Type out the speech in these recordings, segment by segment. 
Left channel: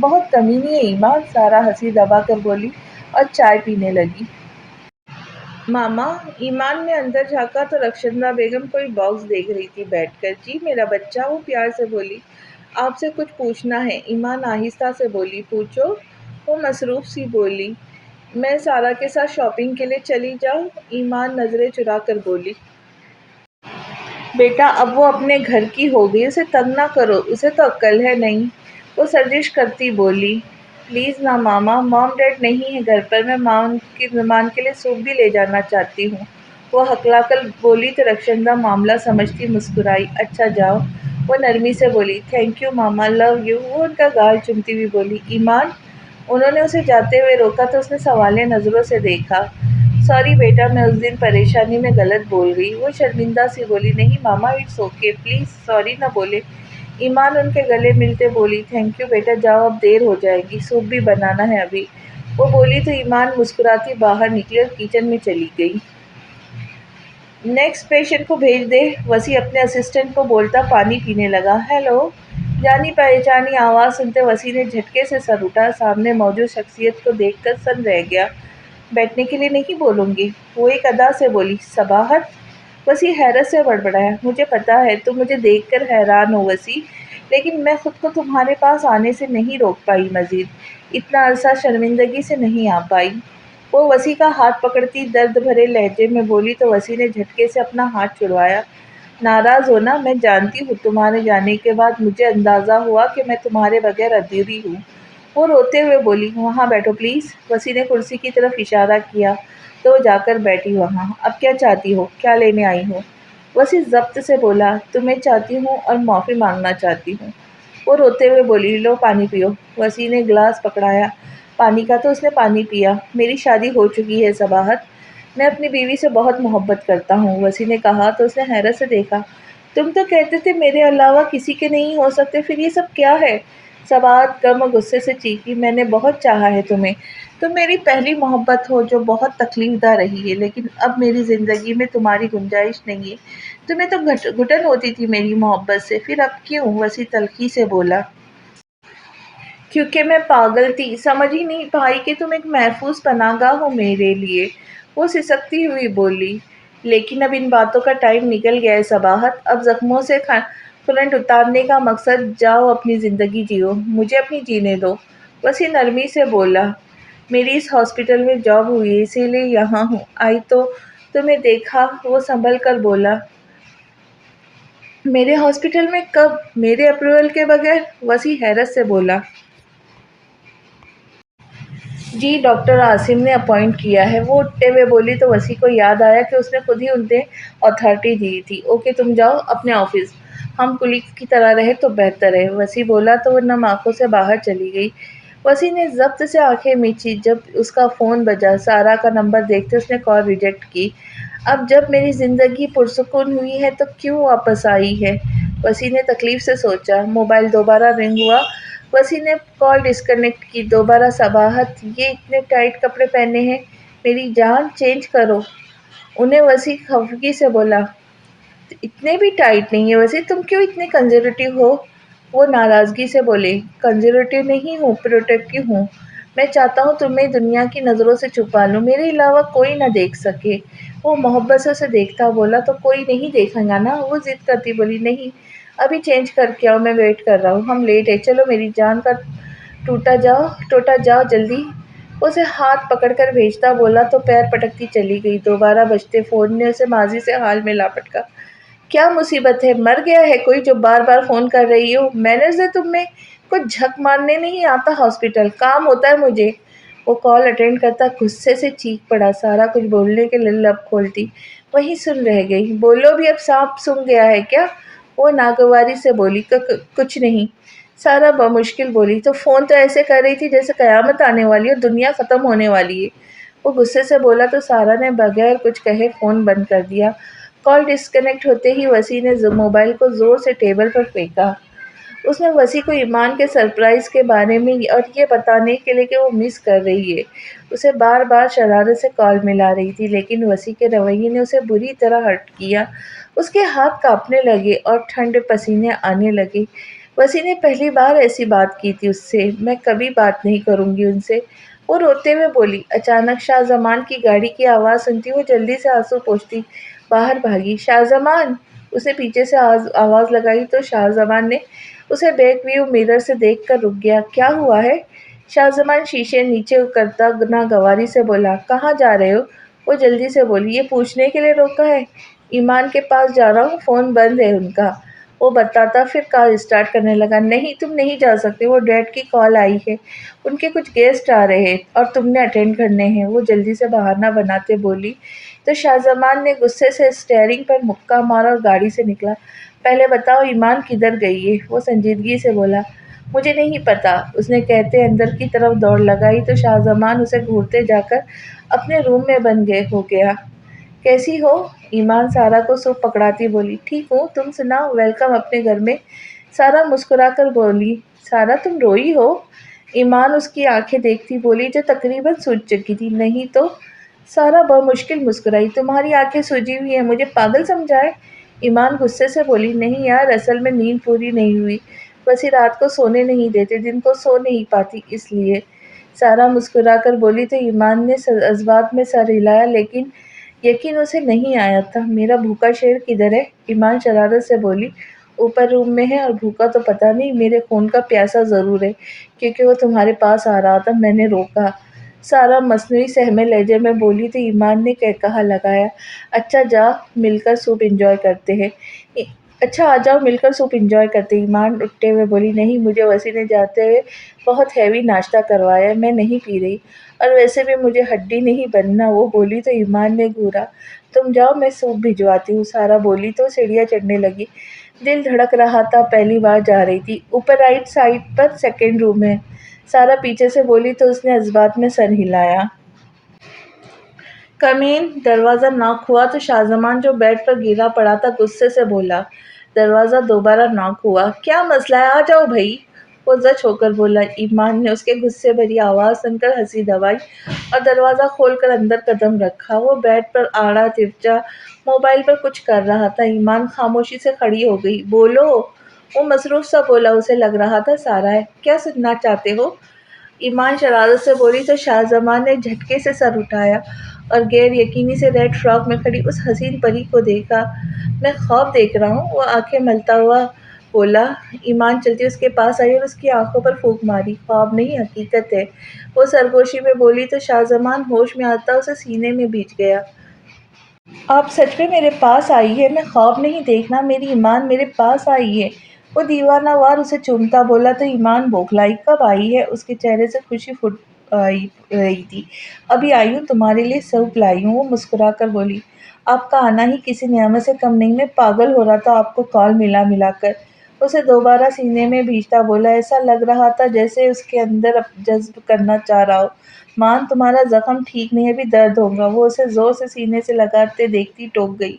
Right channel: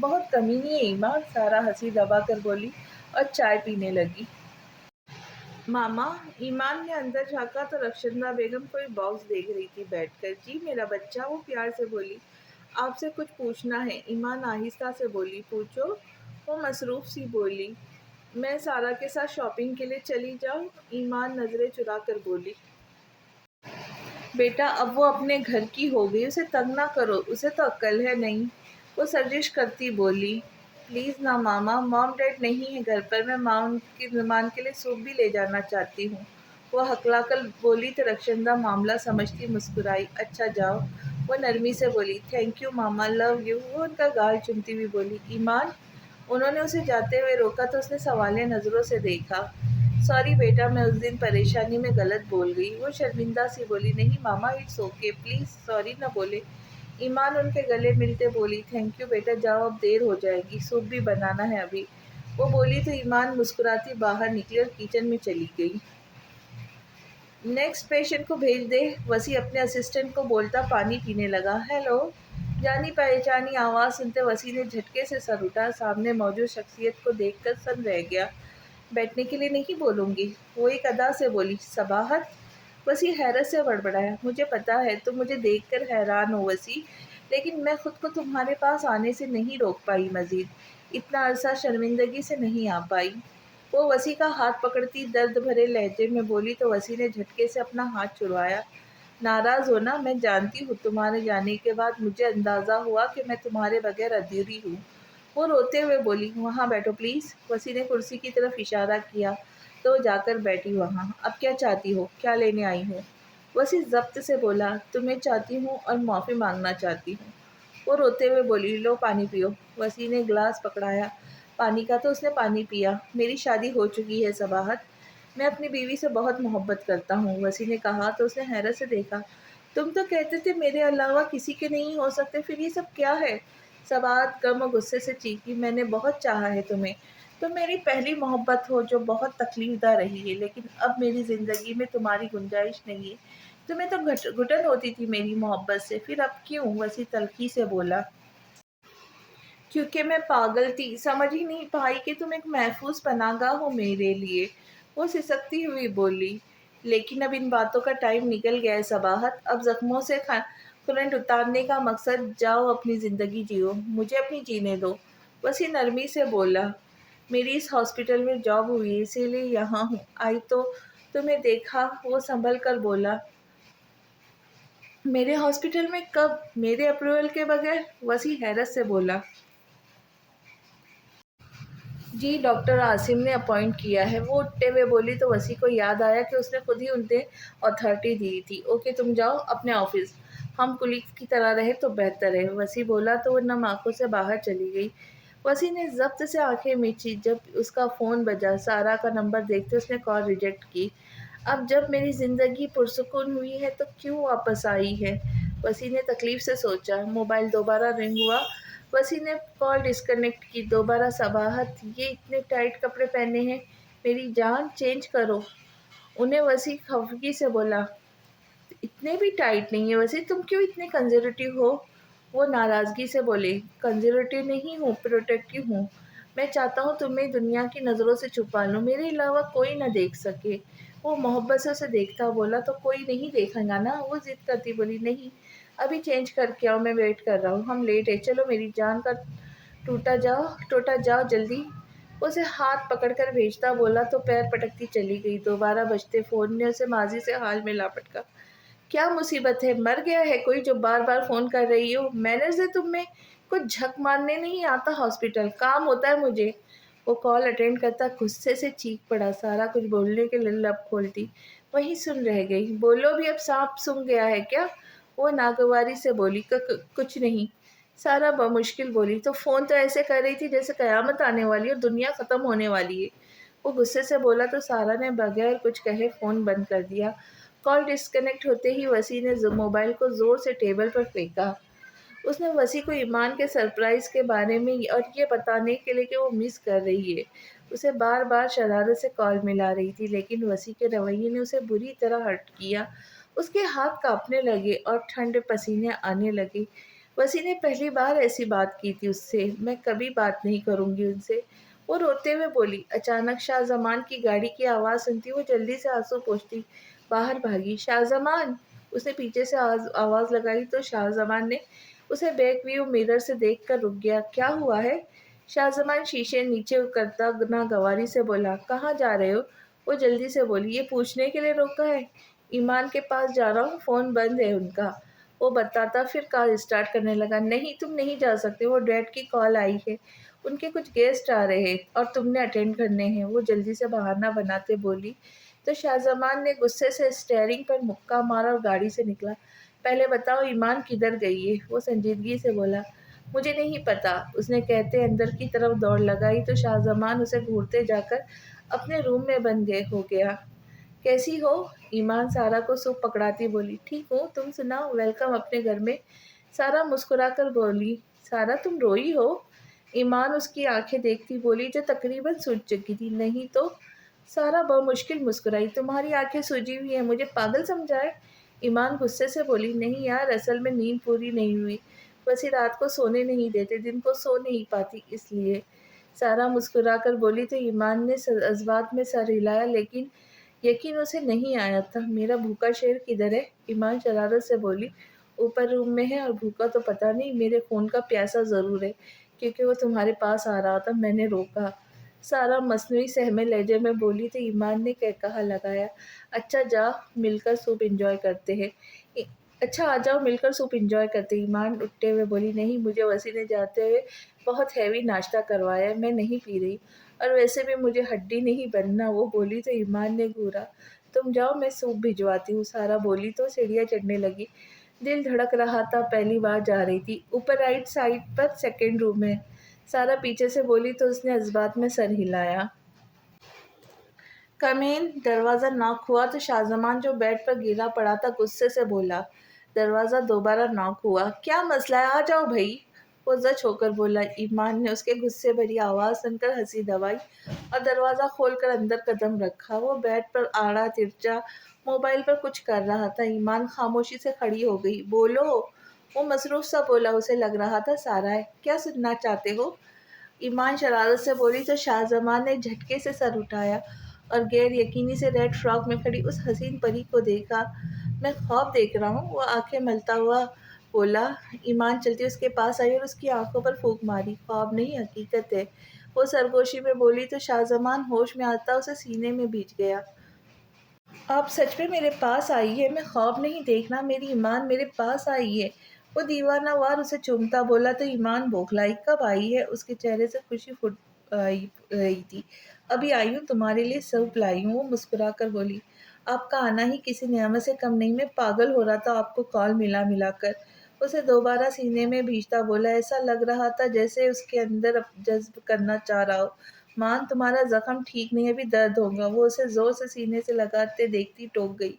بہت کمینی ہے ایمان، سارا ہنسی دبا کر بولی اور چائے پینے لگی۔ ماما، ایمان نے اندر جھانکا تو رخشندہ بیگم کوئی باکس دیکھ رہی تھی بیٹھ کر۔ جی میرا بچہ، وہ پیار سے بولی۔ آپ سے کچھ پوچھنا ہے، ایمان آہستہ سے بولی۔ پوچھو، وہ مصروف سی بولی۔ میں سارا کے ساتھ شاپنگ کے لیے چلی جاؤں؟ ایمان نظریں چرا کر بولی۔ بیٹا اب وہ اپنے گھر کی ہوگئی، اسے تنگ نہ کرو، اسے تو عقل ہے نہیں، وہ سرزش کرتی بولی۔ پلیز نا ماما، مام ڈیڈ نہیں ہے گھر پر، میں مہمان کے لیے سوپ بھی لے جانا چاہتی ہوں، وہ ہکلا کر بولی تو رخشندہ معاملہ سمجھتی مسکرائی۔ اچھا جاؤ، وہ نرمی سے بولی۔ Thank you mama, love you, وہ ان کا گال چومتی ہوئی بولی۔ ایمان، انہوں نے اسے جاتے ہوئے روکا تو اس نے سوالیہ نظروں سے دیکھا۔ سوری بیٹا، میں اس دن پریشانی میں غلط بول گئی، وہ شرمندہ سی بولی۔ نہیں ماما، اٹس اوکے، پلیز سوری نہ بولے۔ ایمان ان کے گلے ملتے بولی۔ تھینک یو بیٹا، جاؤ اب دیر ہو جائے گی، سوپ بھی بنانا ہے ابھی، وہ بولی تو ایمان مسکراتی باہر نکلی اور کچن میں چلی گئی۔ نیکسٹ پیشنٹ کو بھیج دے، وسیع اپنے اسسٹنٹ کو بولتا پانی پینے لگا۔ ہیلو، جانی پہچانی آواز سنتے وسیع نے جھٹکے سے سر اٹھا، سامنے موجود شخصیت کو دیکھ کر سن رہ گیا۔ بیٹھنے کے لیے نہیں بولوں گی، وہ ایک ادا سے بولی۔ صباحت، وسیع حیرت سے بڑبڑایا۔ مجھے پتا ہے تم مجھے دیکھ کر حیران ہو وسیع، لیکن میں خود کو تمہارے پاس آنے سے نہیں روک پائی، مزید اتنا عرصہ شرمندگی سے نہیں آ پائی، وہ وسیع کا ہاتھ پکڑتی درد بھرے لہجے میں بولی تو وسیع نے جھٹکے سے اپنا ہاتھ چھڑوایا۔ ناراض ہونا، میں جانتی ہوں تمہارے جانے کے بعد مجھے اندازہ ہوا کہ میں تمہارے بغیر ادھوری ہوں، وہ روتے ہوئے بولی۔ وہاں بیٹھو پلیز، وسیع نے کرسی کی طرف اشارہ کیا تو وہ جا کر بیٹھی وہاں۔ اب کیا چاہتی ہو، کیا لینے آئی ہو؟ وسیع ضبط سے بولا۔ تمہیں چاہتی ہوں اور معافی مانگنا چاہتی ہوں، وہ روتے ہوئے بولی۔ لو پانی پیو، وسیع نے گلاس پکڑایا پانی کا تو اس نے پانی پیا۔ میری شادی ہو چکی ہے صباحت، میں اپنی بیوی سے بہت محبت کرتا ہوں، وسیع نے کہا تو اس نے حیرت سے دیکھا۔ تم تو کہتے تھے میرے علاوہ کسی کے نہیں ہو سکتے، پھر یہ سب کیا ہے؟ صباحت غم اور غصے سے چیخی۔ میں نے بہت چاہا ہے تمہیں، تم میری پہلی محبت ہو جو بہت تکلیف دہ رہی ہے، لیکن اب میری زندگی میں تمہاری گنجائش نہیں ہے، تمہیں تو گھٹن ہوتی تھی میری محبت سے، پھر اب کیوں؟ وسیع تلخی سے بولا۔ کیونکہ میں پاگل تھی، سمجھ ہی نہیں پائی کہ تم ایک محفوظ پناہ گاہ ہو میرے لیے، وہ سسکتی ہوئی بولی۔ لیکن اب ان باتوں کا ٹائم نکل گیا ہے صباحت، اب زخموں سے کھلنٹ اتارنے کا مقصد، جاؤ اپنی زندگی جیو، مجھے اپنی جینے دو، وسیع نرمی سے بولا۔ میری اس ہاسپٹل میں جاب ہوئی ہے، اسی لیے یہاں ہوں، آئی تو تمہیں دیکھا، وہ سنبھل کر بولا۔ میرے ہاسپٹل میں کب، میرے اپروول کے بغیر؟ وسیع حیرت سے بولا۔ جی ڈاکٹر عاصم نے اپوائنٹ کیا ہے، وہ اٹھتے ہوئے بولی تو وسیع کو یاد آیا کہ اس نے خود ہی انہیں اتھارٹی دی تھی۔ اوکے تم جاؤ اپنے آفس، ہم کولیگز کی طرح رہے تو بہتر ہے، وسیع بولا تو وہ نم آنکھوں سے باہر چلی گئی۔ وسیع نے ضبط سے آنکھیں میچی جب اس کا فون بجا، سارا کا نمبر دیکھتے اس نے کال ریجیکٹ کی۔ اب جب میری زندگی پرسکون ہوئی ہے تو کیوں واپس آئی ہے، وسیع نے تکلیف سے سوچا۔ موبائل دوبارہ رنگ ہوا، وسیع نے کال ڈسکنیکٹ کی۔ دوبارہ صباحت، یہ اتنے ٹائٹ کپڑے پہنے ہیں میری جان، چینج کرو، انہیں وسیع خفگی سے بولا۔ اتنے بھی ٹائٹ نہیں ہے وسیع، تم کیوں اتنے کنزرویٹو ہو، وہ ناراضگی سے بولے۔ کنزرویٹو نہیں ہوں، پروٹیکٹیو ہوں، میں چاہتا ہوں تمہیں دنیا کی نظروں سے چھپا لوں، میرے علاوہ کوئی نہ دیکھ سکے، وہ محبت سے اسے دیکھتا بولا۔ تو کوئی نہیں دیکھے گا نا، وہ ضد کرتی بولی۔ نہیں، ابھی چینج کر کے آؤ، میں ویٹ کر رہا ہوں، ہم لیٹ ہیں، چلو میری جان کا ٹوٹا جاؤ جلدی، اسے ہاتھ پکڑ کر بھیجتا بولا تو پیر پٹکتی چلی گئی۔ دوبارہ بجتے فون نے اسے ماضی سے حال میں لا پٹکا۔ کیا مصیبت ہے، مر گیا ہے کوئی جو بار بار فون کر رہی ہو؟ مینرز ہے تم میں، کچھ جھک مارنے نہیں آتا ہاسپٹل، کام ہوتا ہے مجھے، وہ کال اٹینڈ کرتا غصے سے چیخ پڑا۔ سارا کچھ بولنے کے لیے لب کھولتی وہیں سن رہ گئی۔ بولو بھی، اب سانپ سونگھ گیا ہے کیا، وہ ناگواری سے بولی۔ کچھ نہیں، سارا بمشکل بولی۔ تو فون تو ایسے کر رہی تھی جیسے قیامت آنے والی اور دنیا ختم ہونے والی ہے، وہ غصے سے بولا تو سارا نے بغیر کچھ کہے فون بند کر دیا۔ کال ڈسکنیکٹ ہوتے ہی وسیع نے موبائل کو زور سے ٹیبل پر پھینکا۔ اس نے وسیع کو ایمان کے سرپرائز کے بارے میں اور یہ بتانے کے لیے کہ وہ مس کر رہی ہے، اسے بار بار شرارت سے کال ملا رہی تھی، لیکن وسیع کے رویے نے اسے بری طرح ہرٹ کیا۔ اس کے ہاتھ کانپنے لگے اور ٹھنڈے پسینے آنے لگے۔ وسیم نے پہلی بار ایسی بات کی تھی اس سے۔ میں کبھی بات نہیں کروں گی ان سے، وہ روتے ہوئے بولی۔ اچانک شاہ زمان کی گاڑی کی آواز سنتی وہ جلدی سے آنسو پوچھتی باہر بھاگی۔ شاہ زمان! اس نے پیچھے سے آواز لگائی تو شاہ زمان نے اسے بیک ویو مرر سے دیکھ کر رک گیا۔ کیا ہوا ہے؟ شاہ زمان شیشے نیچے کرتا ناگواری سے بولا۔ کہاں جا رہے ہو؟ وہ جلدی سے بولی۔ یہ پوچھنے کے لیے روکا ہے؟ ایمان کے پاس جا رہا ہوں، فون بند ہے ان کا، وہ بتاتا پھر کال اسٹارٹ کرنے لگا۔ نہیں، تم نہیں جا سکتے، وہ ڈیڈ کی کال آئی ہے، ان کے کچھ گیسٹ آ رہے ہیں اور تم نے اٹینڈ کرنے ہیں، وہ جلدی سے بہانہ بناتے بولی تو شاہ زمان نے غصے سے اسٹیئرنگ پر مکہ مارا اور گاڑی سے نکلا۔ پہلے بتاؤ ایمان کدھر گئی ہے؟ وہ سنجیدگی سے بولا۔ مجھے نہیں پتا، اس نے کہتے اندر کی طرف دوڑ لگائی تو شاہ زمان اسے گھورتے جا کر اپنے روم میں بند ہو گیا۔ کیسی ہو؟ ایمان سارا کو سوپ پکڑاتی بولی۔ ٹھیک ہوں، تم سناؤ؟ ویلکم اپنے گھر میں، سارا مسکرا کر بولی۔ سارا تم روئی ہو؟ ایمان اس کی آنکھیں دیکھتی بولی جو تقریباً سوج چکی تھی۔ نہیں تو؟ سارا بمشکل مسکرائی۔ تمہاری آنکھیں سوجی ہوئی ہیں، مجھے پاگل سمجھا ہے؟ ایمان غصے سے بولی۔ نہیں یار، اصل میں نیند پوری نہیں ہوئی، بس یہ رات کو سونے نہیں دیتے، دن کو سو نہیں پاتی اس لیے، سارا مسکرا کر بولی تو ایمان نے جذبات میں سر ہلایا لیکن یقین اسے نہیں آیا تھا۔ میرا بھوکا شیر کدھر ہے؟ ایمان شرارت سے بولی۔ اوپر روم میں ہے، اور بھوکا تو پتہ نہیں، میرے خون کا پیاسا ضرور ہے کیونکہ وہ تمہارے پاس آ رہا تھا، میں نے روکا، سارا مصنوعی سہمے لہجے میں بولی تو ایمان نے کہا لگایا۔ اچھا جا مل کر سوپ انجوائے کرتے ہیں۔ اچھا آ جاؤ مل کر سوپ انجوائے کرتے۔ ایمان اٹھتے ہوئے بولی۔ نہیں، مجھے وسیم نے جاتے ہوئے بہت ہیوی ناشتہ کروایا ہے، میں نہیں پی رہی، اور ویسے بھی مجھے ہڈی نہیں بننا، وہ بولی تو ایمان نے گھورا۔ تم جاؤ، میں سوپ بھجواتی ہوں، سارا بولی تو سیڑھیاں چڑھنے لگی۔ دل دھڑک رہا تھا، پہلی بار جا رہی تھی۔ اوپر رائٹ سائڈ پر سیکنڈ روم ہے، سارا پیچھے سے بولی تو اس نے جذبات میں سر ہلایا۔ کم ان۔ دروازہ ناک ہوا تو شاہ زمان جو بیڈ پر گرا پڑا تھا غصے سے بولا۔ دروازہ دوبارہ ناک ہوا۔ کیا مسئلہ ہے؟ آ جاؤ بھائی، وہ زچ ہو کر بولا۔ ایمان نے اس کے غصے بھری آواز سن کر ہنسی دبائی اور دروازہ کھول کر اندر قدم رکھا۔ وہ بیڈ پر آڑا ترچا موبائل پر کچھ کر رہا تھا۔ ایمان خاموشی سے کھڑی ہو گئی۔ بولو، وہ مصروف سا بولا، اسے لگ رہا تھا سارا ہے۔ کیا سننا چاہتے ہو؟ ایمان شرارت سے بولی تو شاہ زمان نے جھٹکے سے سر اٹھایا اور غیر یقینی سے ریڈ فراک میں کھڑی اس حسین پری کو دیکھا۔ میں خواب دیکھ رہا ہوں، وہ آنکھیں ملتا ہوا بولا۔ ایمان چلتی اس کے پاس آئی اور اس کی آنکھوں پر پھونک ماری۔ خواب نہیں، حقیقت ہے، وہ سرگوشی میں بولی تو شاہ زمان ہوش میں آتا اسے سینے میں بھیج گیا۔ آپ سچ میں میرے پاس آئی ہے، میں خواب نہیں دیکھنا، میری ایمان میرے پاس آئی ہے، وہ دیوانہ وار اسے چومتا بولا تو ایمان بوکھلائی۔ کب آئی ہے؟ اس کے چہرے سے خوشی پھوٹ رہی تھی۔ ابھی آئی ہوں، تمہارے لیے سوپ لائی ہوں، وہ مسکرا کر بولی۔ آپ کا آنا ہی کسی نعمت سے کم نہیں، میں پاگل ہو رہا تھا آپ کو کال ملا کر، اسے دوبارہ سینے میں بھیجتا بولا۔ ایسا لگ رہا تھا جیسے اس کے اندر جذب کرنا چاہ رہا ہو۔ مان، تمہارا زخم ٹھیک نہیں، ابھی درد ہوگا، وہ اسے زور سے سینے سے لگاتے دیکھتی ٹوک گئی۔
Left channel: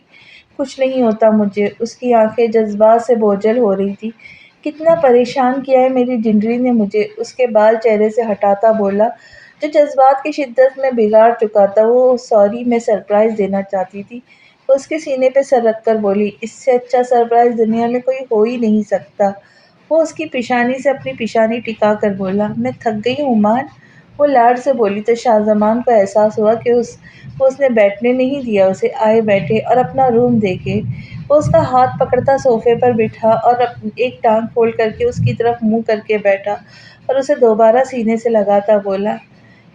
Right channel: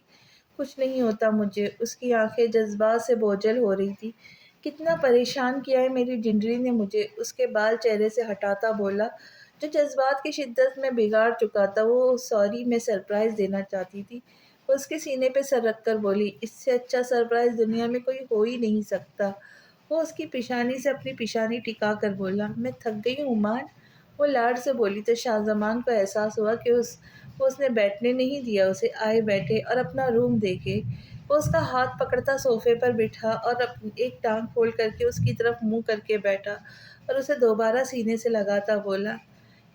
کچھ نہیں ہوتا مجھے، اس کی آنکھیں جذبات سے بوجھل ہو رہی تھی۔ کتنا پریشان کیا ہے میری جنڈری نے مجھے، اس کے بال چہرے سے ہٹاتا بولا جو جذبات کی شدت میں بگاڑ چکا تھا۔ وہ سوری، میں سرپرائز دینا چاہتی تھی، وہ اس کے سینے پہ سر رکھ کر بولی۔ اس سے اچھا سرپرائز دنیا میں کوئی ہو ہی نہیں سکتا، وہ اس کی پیشانی سے اپنی پیشانی ٹکا کر بولا۔ میں تھک گئی ہوں مان، وہ لاڈ سے بولی تو شاہ زمان کو احساس ہوا کہ اس نے بیٹھنے نہیں دیا اسے۔ آئے بیٹھے اور اپنا روم دیکھے۔ وہ اس کا ہاتھ پکڑتا صوفے پر بٹھا اور ایک ٹانگ کھول کر کے اس کی طرف منہ کر کے بیٹھا اور اسے دوبارہ سینے سے لگاتا بولا۔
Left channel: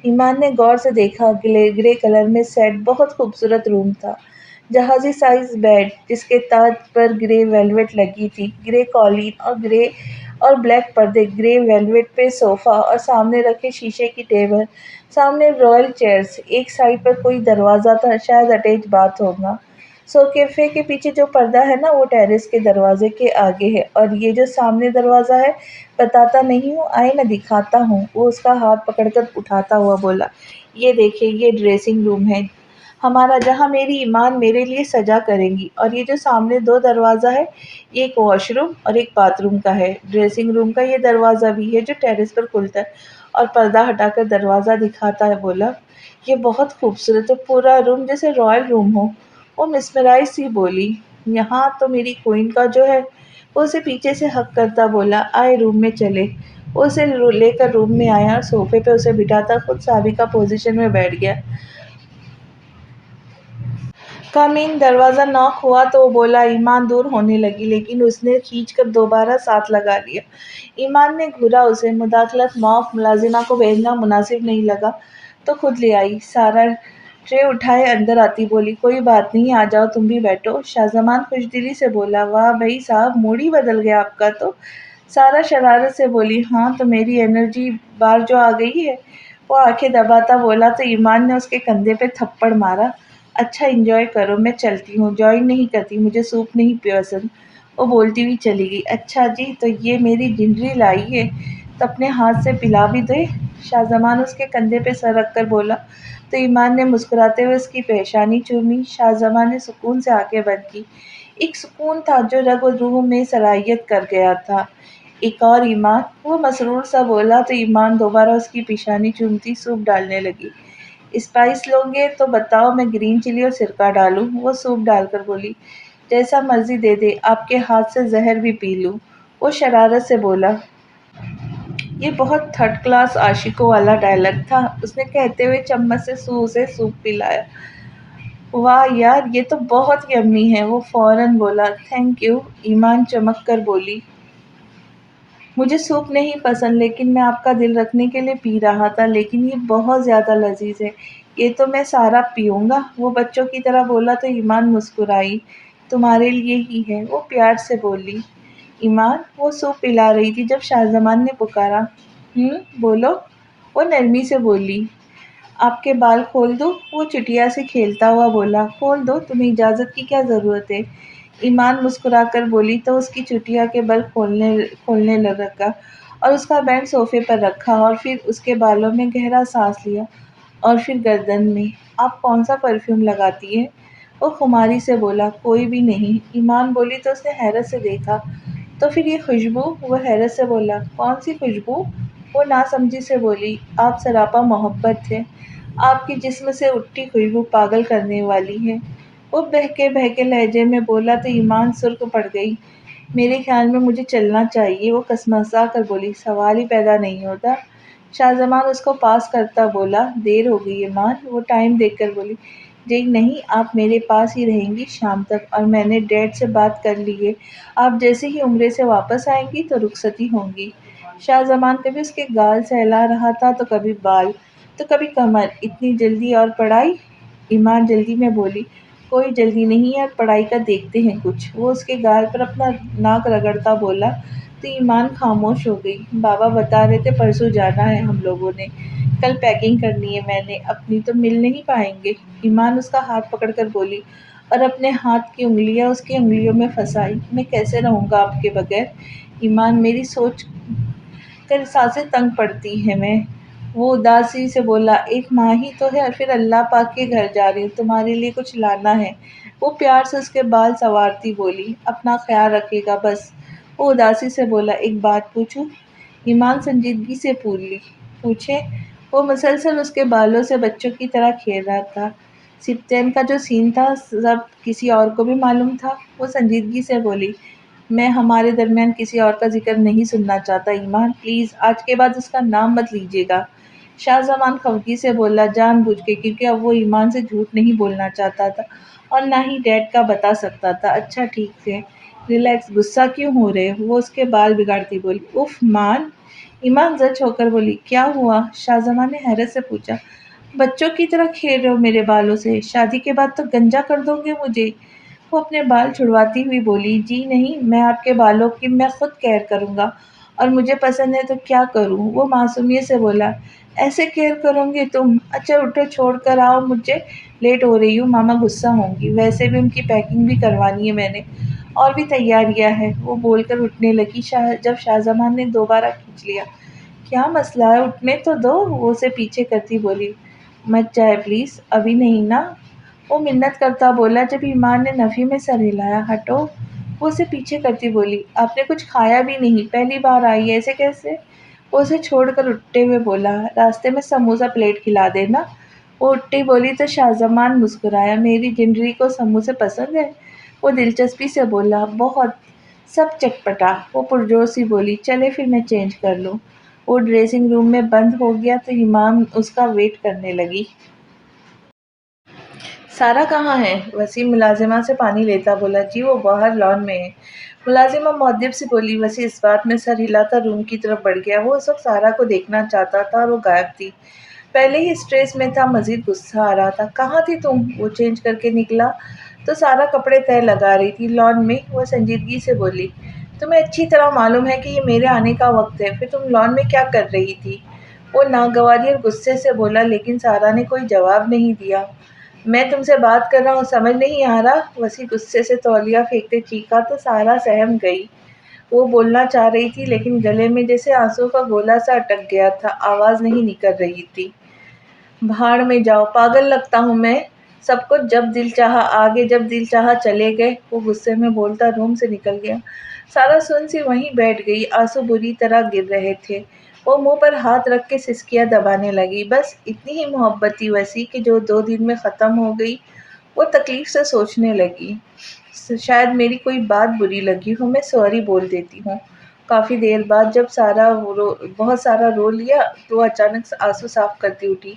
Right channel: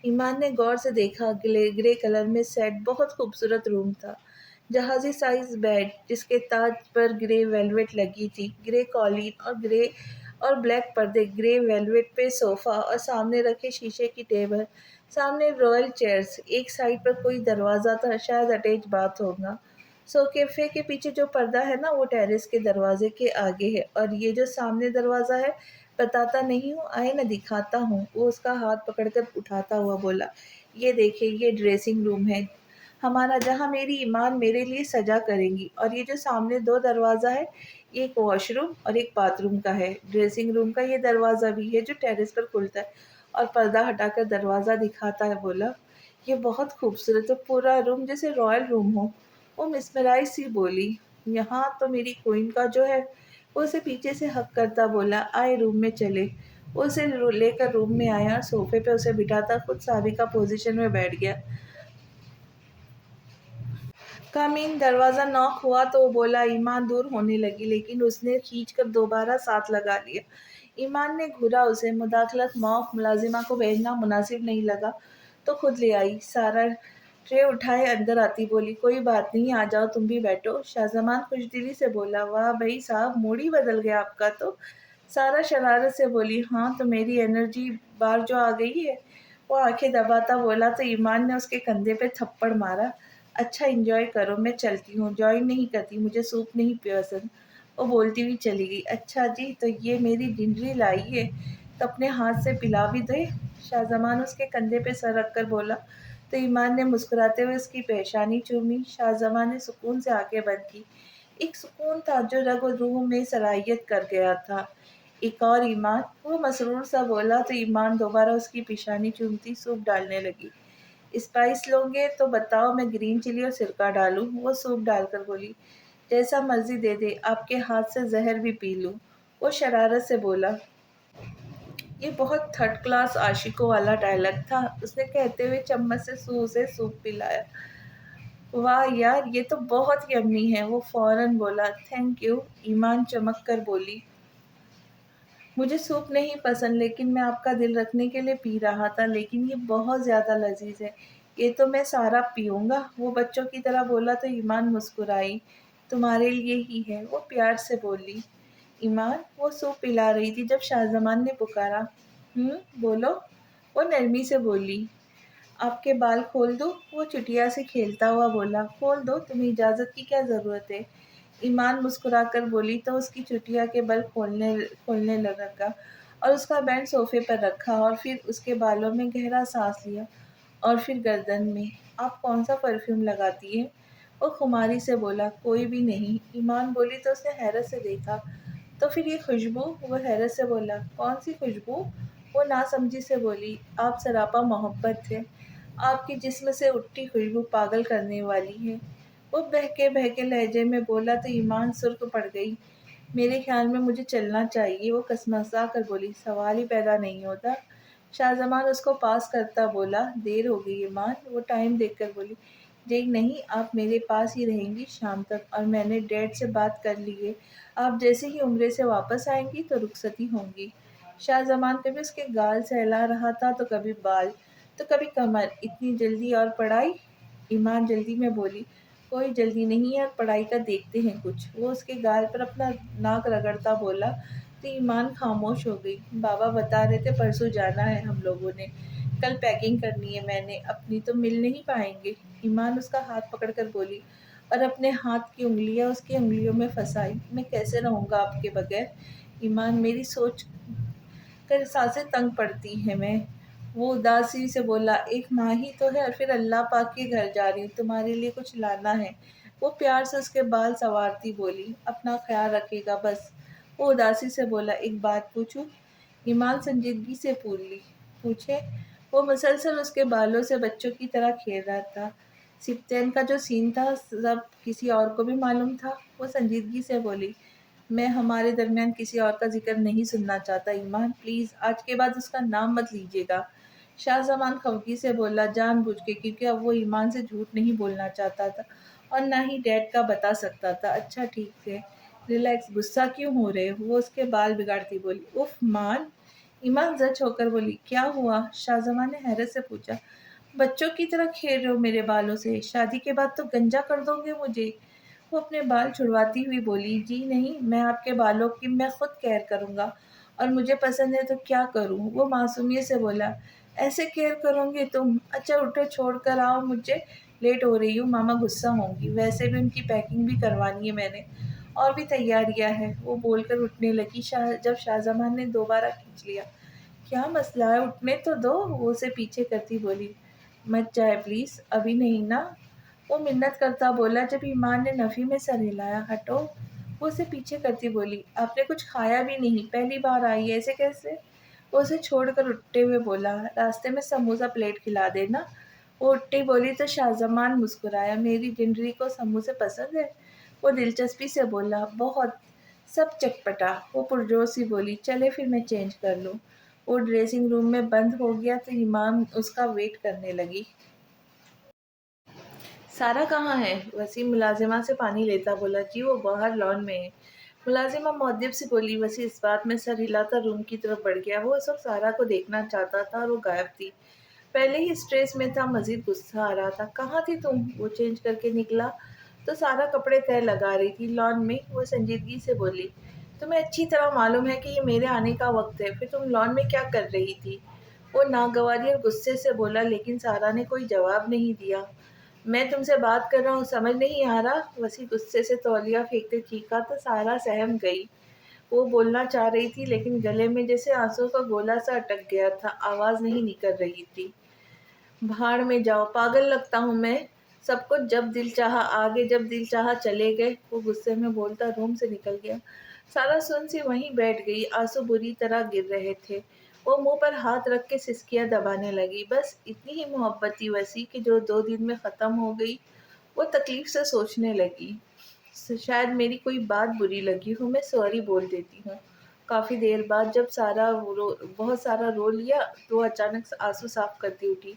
ایمان نے غور سے دیکھا، گرے کلر میں سیٹ بہت خوبصورت روم تھا۔ جہازی سائز بیڈ جس کے تاج پر گرے ویلویٹ لگی تھی، گرے قالین اور گرے اور بلیک پردے، گرے ویلویٹ پہ صوفہ اور سامنے رکھے شیشے کی ٹیبل، سامنے رائل چیئرز، ایک سائڈ پر کوئی دروازہ تھا، شاید اٹیچ باتھ ہوگا۔ صوفے کے پیچھے جو پردہ ہے نا، وہ ٹیرس کے دروازے کے آگے ہے، اور یہ جو سامنے دروازہ ہے بتاتا نہیں ہوں، آئے نا دکھاتا ہوں، وہ اس کا ہاتھ پکڑ کر اٹھاتا ہوا بولا۔ یہ دیکھیں، یہ ڈریسنگ روم ہے ہمارا، جہاں میری ایمان میرے لیے سجا کریں گی، اور یہ جو سامنے دو دروازہ ہے، یہ ایک واش روم اور ایک باتھ روم کا ہے، ڈریسنگ روم کا یہ دروازہ بھی ہے جو ٹیرس پر کھلتا ہے، اور پردہ ہٹا کر دروازہ دکھاتا ہے بولا۔ یہ بہت خوبصورت ہے، پورا روم جیسے رائل روم ہو، وہ مسمرائز سی بولی۔ یہاں تو میری کوئن کا جو ہے وہ اسے پیچھے سے ہگ کرتا بولا، آئے روم میں چلے۔ وہ اسے لے کر روم میں آیا اور صوفے پہ اسے بٹھاتا خود سابقہ پوزیشن میں بیٹھ گیا۔ کمین دروازہ ناک ہوا تو وہ بولا۔ ایمان دور ہونے لگی لیکن اس نے کھینچ کر دوبارہ ساتھ لگا لیا۔ ایمان نے گھورا اسے، مداخلت معاف، ملازمہ کو بھیجنا مناسب نہیں لگا تو خود لے آئی۔ سارا ٹرے اٹھائے اندر آتی بولی، کوئی بات نہیں، آ جاؤ تم بھی بیٹھو۔ شاہ زمان خوش دلی سے بولا، واہ بھائی صاحب، موڈ ہی بدل گیا آپ کا تو۔ سارا شرارت سے بولی، ہاں تو میری انرجی بار جو آ گئی ہے۔ وہ آنکھیں دباتا بولا تو ایمان نے اس کے کندھے پہ تھپڑ مارا۔ اچھا انجوائے کرو، میں چلتی ہوں، جوائن نہیں کرتی، مجھے سوپ نہیں پسند۔ وہ بولتی ہوئی چلی گئی۔ اچھا جی، تو یہ میری جنجری لائی ہے تو اپنے ہاتھ سے پلا بھی دے۔ شاہ زمان اس کے کندھے پہ سر رکھ کر بولا تو ایمان نے مسکراتے ہوئے اس کی پیشانی چومی۔ شاہ زمان نے سکون سے آنکھیں بند کی۔ ایک سکون تھا جو رگ و روح میں سرایت کر گیا تھا۔ ایک اور ایمان، وہ مسرور سا بولا تو ایمان دوبارہ اس کی پیشانی چومتی سوپ ڈالنے لگی۔ اسپائس لو گے تو بتاؤ، میں گرین چلی اور سرکہ ڈالوں؟ وہ سوپ ڈال کر بولی، جیسا مرضی دے دے، آپ کے ہاتھ سے زہر بھی پی لوں۔ وہ شرارت سے بولا۔ یہ بہت تھرڈ کلاس عاشقوں والا ڈائلاگ تھا۔ اس نے کہتے ہوئے چمچ سے اسے سوپ پلایا۔ واہ یار، یہ تو بہت یمی ہے۔ وہ فوراً بولا، تھینک یو۔ ایمان چمک کر بولی، مجھے سوپ نہیں پسند لیکن میں آپ کا دل رکھنے کے لیے پی رہا تھا، لیکن یہ بہت زیادہ لذیذ ہے، یہ تو میں سارا پیوں گا۔ وہ بچوں کی طرح بولا تو ایمان مسکرائی۔ تمہارے لیے ہی ہے، وہ پیار سے بولی۔ ایمان، وہ سوپ پلا رہی تھی جب شاہ زمان نے پکارا، بولو۔ وہ نرمی سے بولی، آپ کے بال کھول دوں؟ وہ چٹیا سے کھیلتا ہوا بولا، کھول دو، تمہیں اجازت کی کیا ضرورت ہے؟ ایمان مسکرا کر بولی تو اس کی چٹیا کے بل کھولنے لگا اور اس کا بینڈ صوفے پر رکھا اور پھر اس کے بالوں میں گہرا سانس لیا اور پھر گردن میں۔ آپ کون سا پرفیوم لگاتی ہیں؟ وہ خماری سے بولا، کوئی بھی نہیں۔ ایمان بولی تو اس نے حیرت سے دیکھا، تو پھر یہ خوشبو؟ وہ حیرت سے بولا، کون سی خوشبو؟ وہ ناسمجھی سے بولی، آپ سراپا محبت ہے، آپ کی جسم سے اٹھتی خوشبو پاگل کرنے والی ہے۔ وہ بہکے لہجے میں بولا تو ایمان سرخ پڑ گئی۔ میرے خیال میں مجھے چلنا چاہیے۔ وہ کسمسا کر بولی، سوال ہی پیدا نہیں ہوتا۔ شاہ زمان اس کو پاس کرتا بولا، دیر ہو گئی ایمان۔ وہ ٹائم دیکھ کر بولی، جی نہیں، آپ میرے پاس ہی رہیں گی شام تک، اور میں نے ڈیڈ سے بات کر لی ہے، آپ جیسے ہی عمرے سے واپس آئیں گی تو رخصتی ہوں گی۔ شاہ زمان کبھی اس کے گال سہلا رہا تھا تو کبھی بال تو کبھی کمر۔ اتنی جلدی اور پڑھائی؟ ایمان جلدی میں بولی، کوئی جلدی نہیں یار، پڑھائی کا دیکھتے ہیں کچھ۔ وہ اس کے گال پر اپنا ناک رگڑتا بولا تو ایمان خاموش ہو گئی۔ بابا بتا رہے تھے پرسوں جانا ہے ہم لوگوں نے، کل پیکنگ کرنی ہے میں نے اپنی، تو مل نہیں پائیں گے؟ ایمان اس کا ہاتھ پکڑ کر بولی اور اپنے ہاتھ کی انگلیاں اس کی انگلیوں میں پھنسائی۔ میں کیسے رہوں گا آپ کے بغیر؟ ایمان، میری سوچ کر سانسیں تنگ پڑتی ہیں میں۔ وہ اداسی سے بولا، ایک ماہ ہی تو ہے اور پھر اللہ پاک کے گھر جا رہی ہوں، تمہارے لیے کچھ لانا ہے۔ وہ پیار سے اس کے بال سنوارتی بولی، اپنا خیال رکھے گا بس۔ وہ اداسی سے بولا، ایک بات پوچھوں؟ ایمان سنجیدگی سے پوچھے۔ وہ مسلسل اس کے بالوں سے بچوں کی طرح کھیل رہا تھا۔ سپتین کا جو سین تھا سب کسی اور کو بھی معلوم تھا؟ وہ سنجیدگی سے بولی، میں ہمارے درمیان کسی اور کا ذکر نہیں سننا چاہتا ایمان، پلیز آج کے بعد اس کا نام مت لیجیے گا۔ شاہ زمان خفگی سے بولا، جان بوجھ کے، کیونکہ اب وہ ایمان سے جھوٹ نہیں بولنا چاہتا تھا اور نہ ہی ڈیڈ کا بتا سکتا تھا۔ اچھا ٹھیک ہے، ریلیکس، غصہ کیوں ہو رہے؟ وہ اس کے بال بگاڑتی بولی، اف مان۔ ایمان زچ ہو کر بولی، کیا ہوا؟ شاہ زمان نے حیرت سے پوچھا، بچوں کی طرح کھیل رہے ہو میرے بالوں سے؟ شادی کے بعد تو گنجا کر دو گے مجھے۔ وہ اپنے بال چھڑواتی ہوئی بولی، جی نہیں، میں آپ کے بالوں کی میں خود کیئر کروں گا، اور مجھے پسند ہے تو کیا کروں؟ وہ معصومیت سے بولا، ایسے کیئر کروں گے تم؟ اچھا اٹھو، چھوڑ کر آؤ مجھے، لیٹ ہو رہی ہوں، ماما غصہ ہوں گی، ویسے بھی ان کی پیکنگ بھی کروانی ہے میں نے، اور بھی تیاریاں ہیں۔ وہ بول کر اٹھنے لگی جب شاہ زمان نے دوبارہ کھینچ لیا۔ کیا مسئلہ ہے، اٹھنے تو دو۔ وہ اسے پیچھے کرتی بولی، مت جائے پلیز، ابھی نہیں نا؟ وہ منت کرتا بولا جب ایمان نے نفی میں سر ہلایا، ہٹو۔ وہ اسے پیچھے کرتی بولی، آپ نے کچھ کھایا بھی نہیں، پہلی بار آئی ہے، ایسے کیسے؟ وہ اسے چھوڑ کر اٹھتے ہوئے بولا، راستے میں سموسہ پلیٹ کھلا دینا۔ وہ اٹھتی بولی تو شاہ زمان مسکرایا، میری جنجری کو سموسے پسند ہے؟ وہ دلچسپی سے بولا، بہت، سب چٹپٹا۔ وہ پرجوش سی بولی، چلے پھر میں چینج کر لوں۔ وہ ڈریسنگ روم میں بند ہو گیا تو ایمان اس کا ویٹ کرنے لگی۔ سارا کہاں ہے؟ وسیم ملازمہ سے پانی لیتا بولا۔ جی وہ باہر لان میں ہے۔ ملازمہ مؤدب سے بولی۔ وسیم اس بات میں سر ہلاتا روم کی طرف بڑھ گیا۔ وہ اس وقت سارا کو دیکھنا چاہتا تھا اور وہ غائب تھی۔ پہلے ہی اسٹریس میں تھا، مزید غصہ آ رہا تھا۔ کہاں تھی تم؟ وہ چینج کر کے نکلا تو سارا کپڑے تہہ لگا رہی تھی لان میں۔ وہ سنجیدگی سے بولی، تمہیں اچھی طرح معلوم ہے کہ یہ میرے آنے کا وقت ہے، پھر تم لان میں کیا کر رہی تھی؟ وہ ناگواری اور غصے سے بولا، لیکن سارا نے کوئی جواب نہیں دیا۔ میں تم سے بات کر رہا ہوں، سمجھ نہیں آ رہا؟ وسیع غصے سے تولیہ پھینکتے چیخا تو سارا سہم گئی۔ وہ بولنا چاہ رہی تھی لیکن گلے میں جیسے آنسو کا گولا سا اٹک گیا تھا، آواز نہیں نکل رہی تھی۔ بھاڑ میں جاؤ، پاگل لگتا ہوں میں؟ سب کچھ جب دل چاہا آگے، جب دل چاہا چلے گئے۔ وہ غصے میں بولتا روم سے نکل گیا۔ سارا سن سی وہیں بیٹھ گئی، آنسو بری طرح گر رہے تھے۔ وہ منہ پر ہاتھ رکھ کے سسکیاں دبانے لگی۔ بس اتنی ہی محبت تھی وسیع کہ جو 2 دن میں ختم ہو گئی۔ وہ تکلیف سے سوچنے لگی، شاید میری کوئی بات بری لگی ہو، میں سوری بول دیتی ہوں۔ کافی دیر بعد جب بہت سارا رو لیا تو وہ اچانک آنسو صاف کرتی اٹھی۔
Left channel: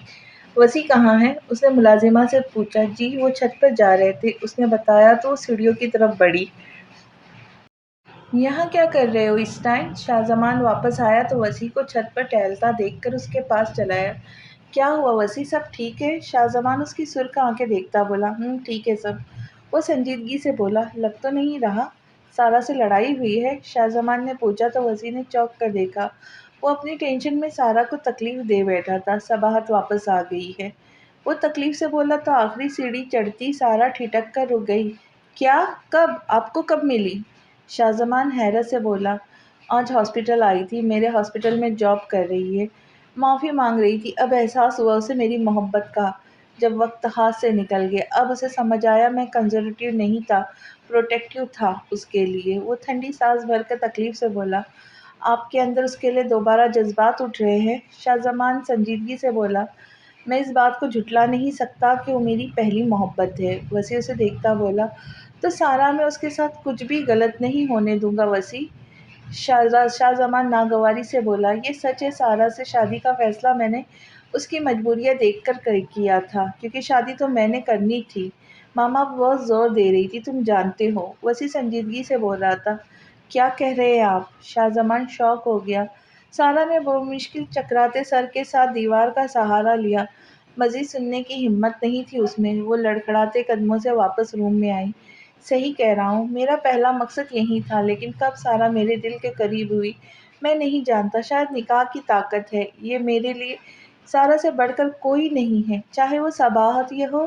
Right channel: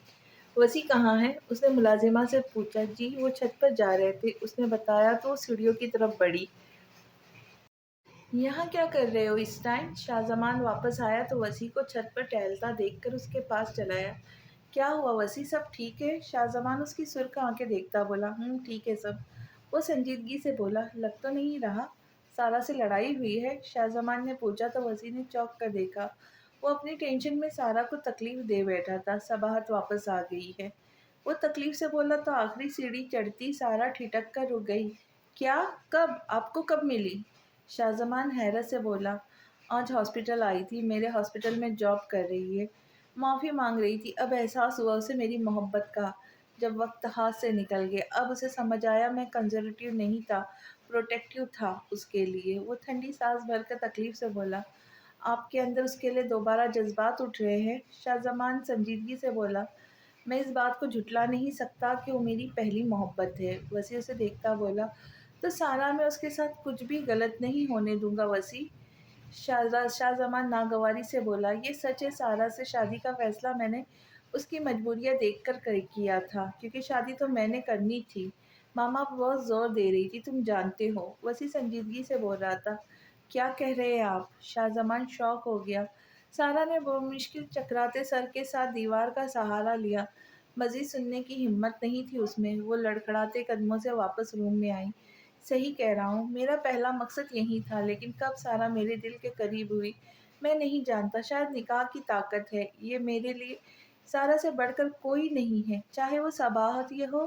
وسیع کہاں ہے؟ اس نے ملازمہ سے پوچھا۔ جی وہ چھت پر جا رہے تھے، اس نے بتایا تو وہ سیڑھیوں کی طرف بڑھی۔ یہاں کیا کر رہے ہو اس ٹائم؟ شاہ زمان واپس آیا تو وسیع کو چھت پر ٹہلتا دیکھ کر اس کے پاس چلا آیا۔ کیا ہوا وسیع، سب ٹھیک ہے؟ شاہ زمان اس کی سرخ آنکھیں دیکھتا بولا۔ ٹھیک ہے سب۔ وہ سنجیدگی سے بولا، لگ تو نہیں رہا سارا سے لڑائی ہوئی ہے؟ شاہ زمان نے پوچھا تو وسیع نے چونک کر دیکھا۔ وہ اپنی ٹینشن میں سارا کو تکلیف دے بیٹھا تھا۔ صباحت واپس آ گئی ہے؟ وہ تکلیف سے بولا تو آخری سیڑھی چڑھتی سارا ٹھٹک کر رک گئی۔ کیا؟ کب؟ آپ کو کب ملی؟ شاہ زمان حیرت سے بولا، آج ہاسپٹل آئی تھی، میرے ہاسپٹل میں جاب کر رہی ہے، معافی مانگ رہی تھی۔ اب احساس ہوا اسے میری محبت کا، جب وقت ہاتھ سے نکل گیا۔ اب اسے سمجھ آیا میں کنزرویٹو نہیں تھا، پروٹیکٹیو تھا اس کے لیے۔ وہ ٹھنڈی سانس بھر کر تکلیف سے بولا، آپ کے اندر اس کے لیے دوبارہ جذبات اٹھ رہے ہیں؟ شاہ زمان سنجیدگی سے بولا، میں اس بات کو جھٹلا نہیں سکتا کہ وہ میری پہلی محبت ہے۔ وسیع اسے دیکھتا بولا، تو سارا میں اس کے ساتھ کچھ بھی غلط نہیں ہونے دوں گا وسیع۔ شاہ زمان ناگواری سے بولا، یہ سچ ہے، سارا سے شادی کا فیصلہ میں نے اس کی مجبوریاں دیکھ کر کیا تھا، کیونکہ شادی تو میں نے کرنی تھی، ماما بہت زور دے رہی تھی، تم جانتے ہو۔ وسیع سنجیدگی سے بول رہا تھا، کیا کہہ رہے ہیں آپ؟ شاہ زمان شاک ہو گیا۔ سارا نے بمشکل چکراتے سر کے ساتھ دیوار کا سہارا لیا، مزید سننے کی ہمت نہیں تھی اس میں۔ وہ لڑکھڑاتے قدموں سے واپس روم میں آئی۔ صحیح کہہ رہا ہوں، میرا پہلا مقصد یہی تھا، لیکن کب سارا میرے دل کے قریب ہوئی میں نہیں جانتا۔ شاید نکاح کی طاقت ہے، یہ میرے لیے سارا سے بڑھ کر کوئی نہیں ہے، چاہے وہ صباحت یہ ہو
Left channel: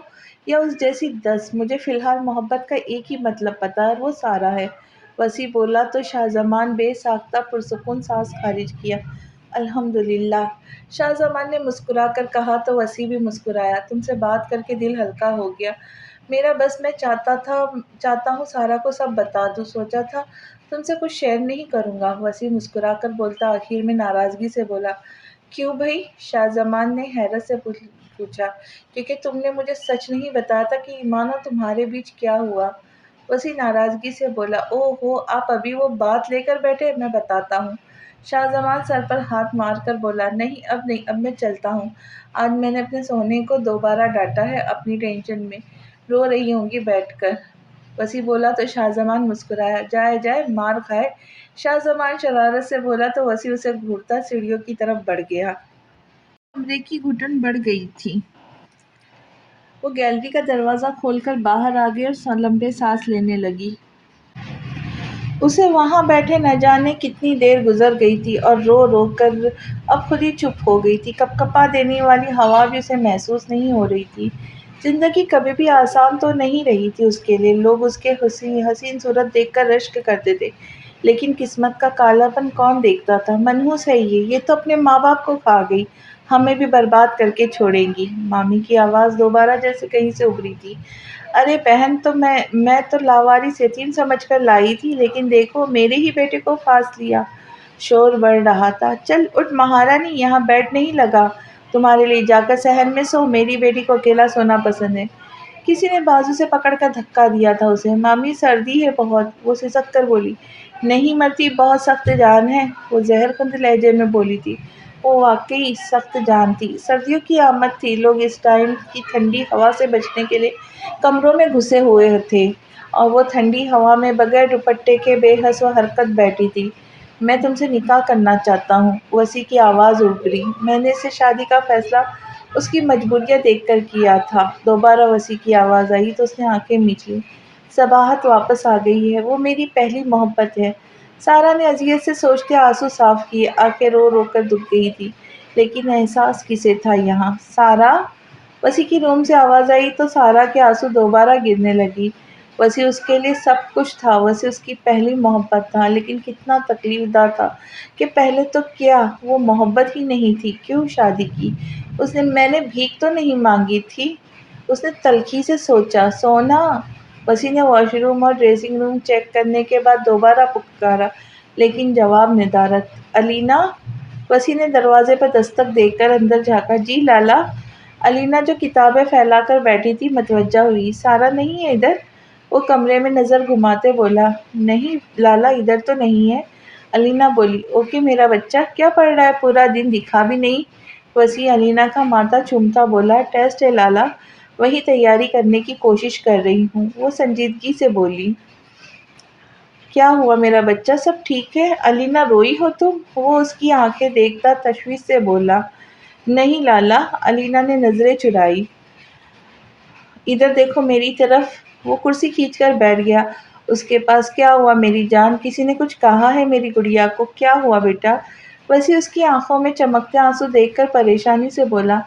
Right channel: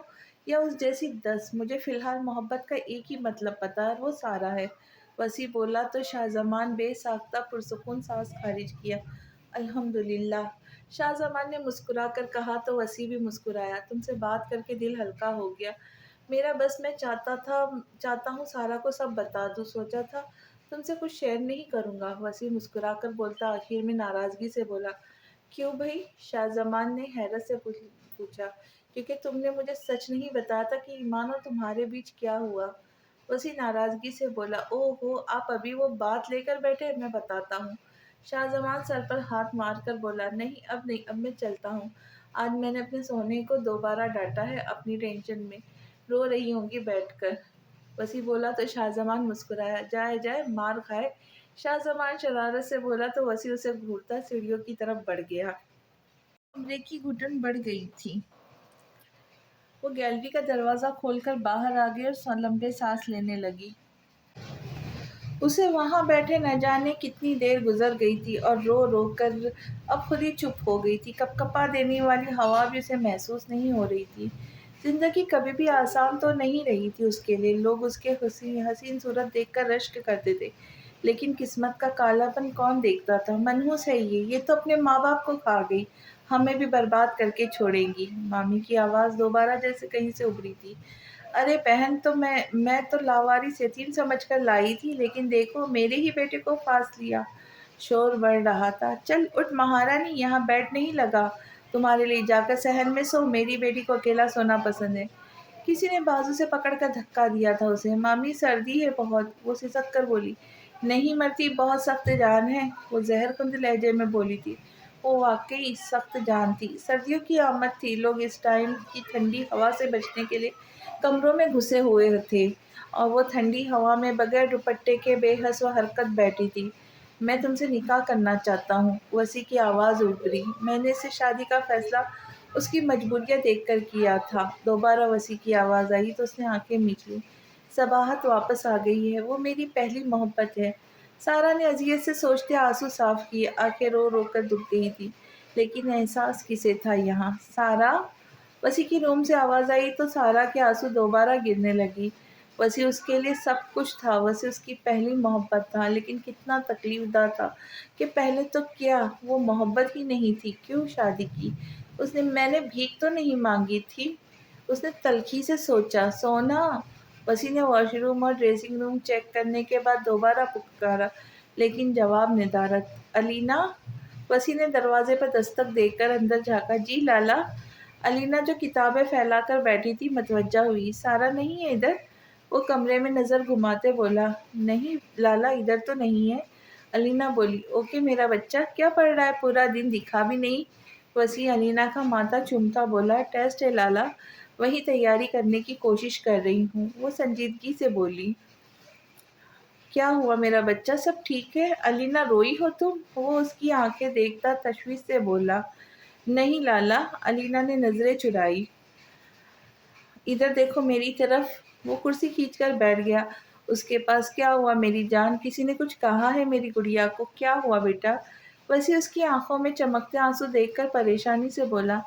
یا اس جیسی 10۔ مجھے فی الحال محبت کا ایک ہی مطلب پتہ ہے اور وہ سارا ہے۔ وسیع بولا تو شاہ زمان بے ساختہ پرسکون سانس خارج کیا۔ الحمدللہ، شاہ زمان نے مسکرا کر کہا تو وسیع بھی مسکرایا۔ تم سے بات کر کے دل ہلکا ہو گیا میرا، بس میں چاہتا ہوں سارا کو سب بتا دوں، سوچا تھا تم سے کچھ شیئر نہیں کروں گا۔ وسیع مسکرا کر بولتا آخر میں ناراضگی سے بولا، کیوں بھئی؟ شاہ زمان نے حیرت سے پوچھا، کیونکہ تم نے مجھے سچ نہیں بتایا تھا کہ ایمان اور تمہارے بیچ کیا ہوا۔ وسیع ناراضگی سے بولا، اوہ ہو، آپ ابھی وہ بات لے کر بیٹھے، میں بتاتا ہوں۔ شاہ زمان سر پر ہاتھ مار کر بولا، نہیں اب نہیں، اب میں چلتا ہوں، آج میں نے اپنے سونے کو دوبارہ ڈانٹا ہے، اپنی ٹینشن میں رو رہی ہوں گی بیٹھ کر۔ وسیع بولا تو شاہ زمان مسکرایا، جائے جائے مار کھائے۔ شاہ زمان شرارت سے بولا تو وسیع اسے گھورتا سیڑھیوں کی طرف بڑھ گیا۔ کمرے کی گھٹن بڑھ گئی تھی۔ وہ گیلری کا دروازہ کھول کر باہر آ گئی اور لمبے سانس لینے لگی۔ اسے وہاں بیٹھے نہ جانے کتنی دیر گزر گئی تھی اور رو رو کر اب خود ہی چپ ہو گئی تھی۔ کپکپا دینے والی ہوا بھی اسے محسوس نہیں ہو رہی تھی۔ زندگی کبھی بھی آسان تو نہیں رہی تھی اس کے لیے۔ لوگ اس کے حسین صورت دیکھ کر رشک کرتے تھے، لیکن قسمت کا کالا پن کون دیکھتا تھا؟ منحوس ہے یہ تو اپنے ماں باپ کو کھا گئی، ہمیں بھی برباد کر کے چھوڑے گی۔ مامی کی آواز دوبارہ جیسے کہیں سے ابھری تھی، ارے بہن، میں تو لاوارث یتیم سمجھ کر لائی تھی، لیکن دیکھو میرے ہی بیٹے کو پھانس لیا۔ شور بڑھ رہا تھا، چل اٹھ مہارانی، یہاں بیڈ نہیں لگا تمہارے لیے، جا کر صحن میں سو، میری بیٹی کو اکیلا سونا پسند ہے۔ کسی نے بازو سے پکڑ کر دھکا دیا تھا اسے۔ مامی سردی ہے بہت، وہ سسک کر بولی۔ نہیں مرتی، بہت سخت جان ہے، وہ زہر خند لہجے میں بولی تھی۔ وہ واقعی سخت جان تھی۔ سردیوں کی آمد تھی، لوگ اس ٹائم کی ٹھنڈی ہوا سے بچنے کے لیے کمروں میں گھسے ہوئے تھے، اور وہ ٹھنڈی ہوا میں بغیر دوپٹے کے بے حس و حرکت بیٹھی تھی۔ میں تم سے نکاح کرنا چاہتا ہوں، وسیع کی آواز ابھری۔ میں نے اس سے شادی کا فیصلہ اس کی مجبوریت دیکھ کر کیا تھا۔ دوبارہ وسیع کی آواز آئی تو اس نے آنکھیں میچ لیں۔ صباحت واپس آ گئی ہے، وہ میری پہلی محبت ہے۔ سارا نے اذیت سے سوچتے آنسو صاف کیے، آنکھیں رو رو کر دب گئی تھی، لیکن احساس کسے تھا یہاں؟ سارا! وسیع کی روم سے آواز آئی تو سارا کے آنسو دوبارہ گرنے لگی۔ وسیع اس کے لیے سب کچھ تھا، وسیع اس کی پہلی محبت تھا، لیکن کتنا تکلیف دہ تھا کہ پہلے تو کیا وہ محبت ہی نہیں تھی؟ کیوں شادی کی؟ میں نے بھیک تو نہیں مانگی تھی؟ اس نے تلخی سے سوچا۔ سونا! وسیع نے واش روم اور ڈریسنگ روم چیک کرنے کے بعد دوبارہ پکارا، لیکن جواب ندارت۔ الینا! وسیع نے دروازے پر دستک دے کر اندر جھانکا۔ جی لالا! الینا جو کتابیں پھیلا کر بیٹھی تھی متوجہ ہوئی۔ سارا نہیں ہے ادھر؟ وہ کمرے میں نظر گھماتے بولا۔ نہیں لالا، ادھر تو نہیں ہے۔ الینا بولی۔ اوکے میرا بچہ، کیا پڑھ رہا ہے؟ پورا دن دکھا بھی نہیں۔ وسیع الینا کا ماتھا چومتا بولا۔ ٹیسٹ ہے لالا، وہی تیاری کرنے کی کوشش کر رہی ہوں۔ وہ سنجیدگی سے بولی۔ کیا ہوا میرا بچہ، سب ٹھیک ہے؟ الینا روئی ہو تم؟ وہ اس کی آنکھیں دیکھتا تشویش سے بولا۔ نہیں لالا، الینا نے نظریں چرائی۔ ادھر دیکھو میری طرف۔ وہ کرسی کھینچ کر بیٹھ گیا اس کے پاس۔ کیا ہوا میری جان، کسی نے کچھ کہا ہے میری گڑیا کو؟ کیا ہوا بیٹا؟ وسیع اس کی آنکھوں میں چمکتے آنسو دیکھ کر پریشانی سے بولا۔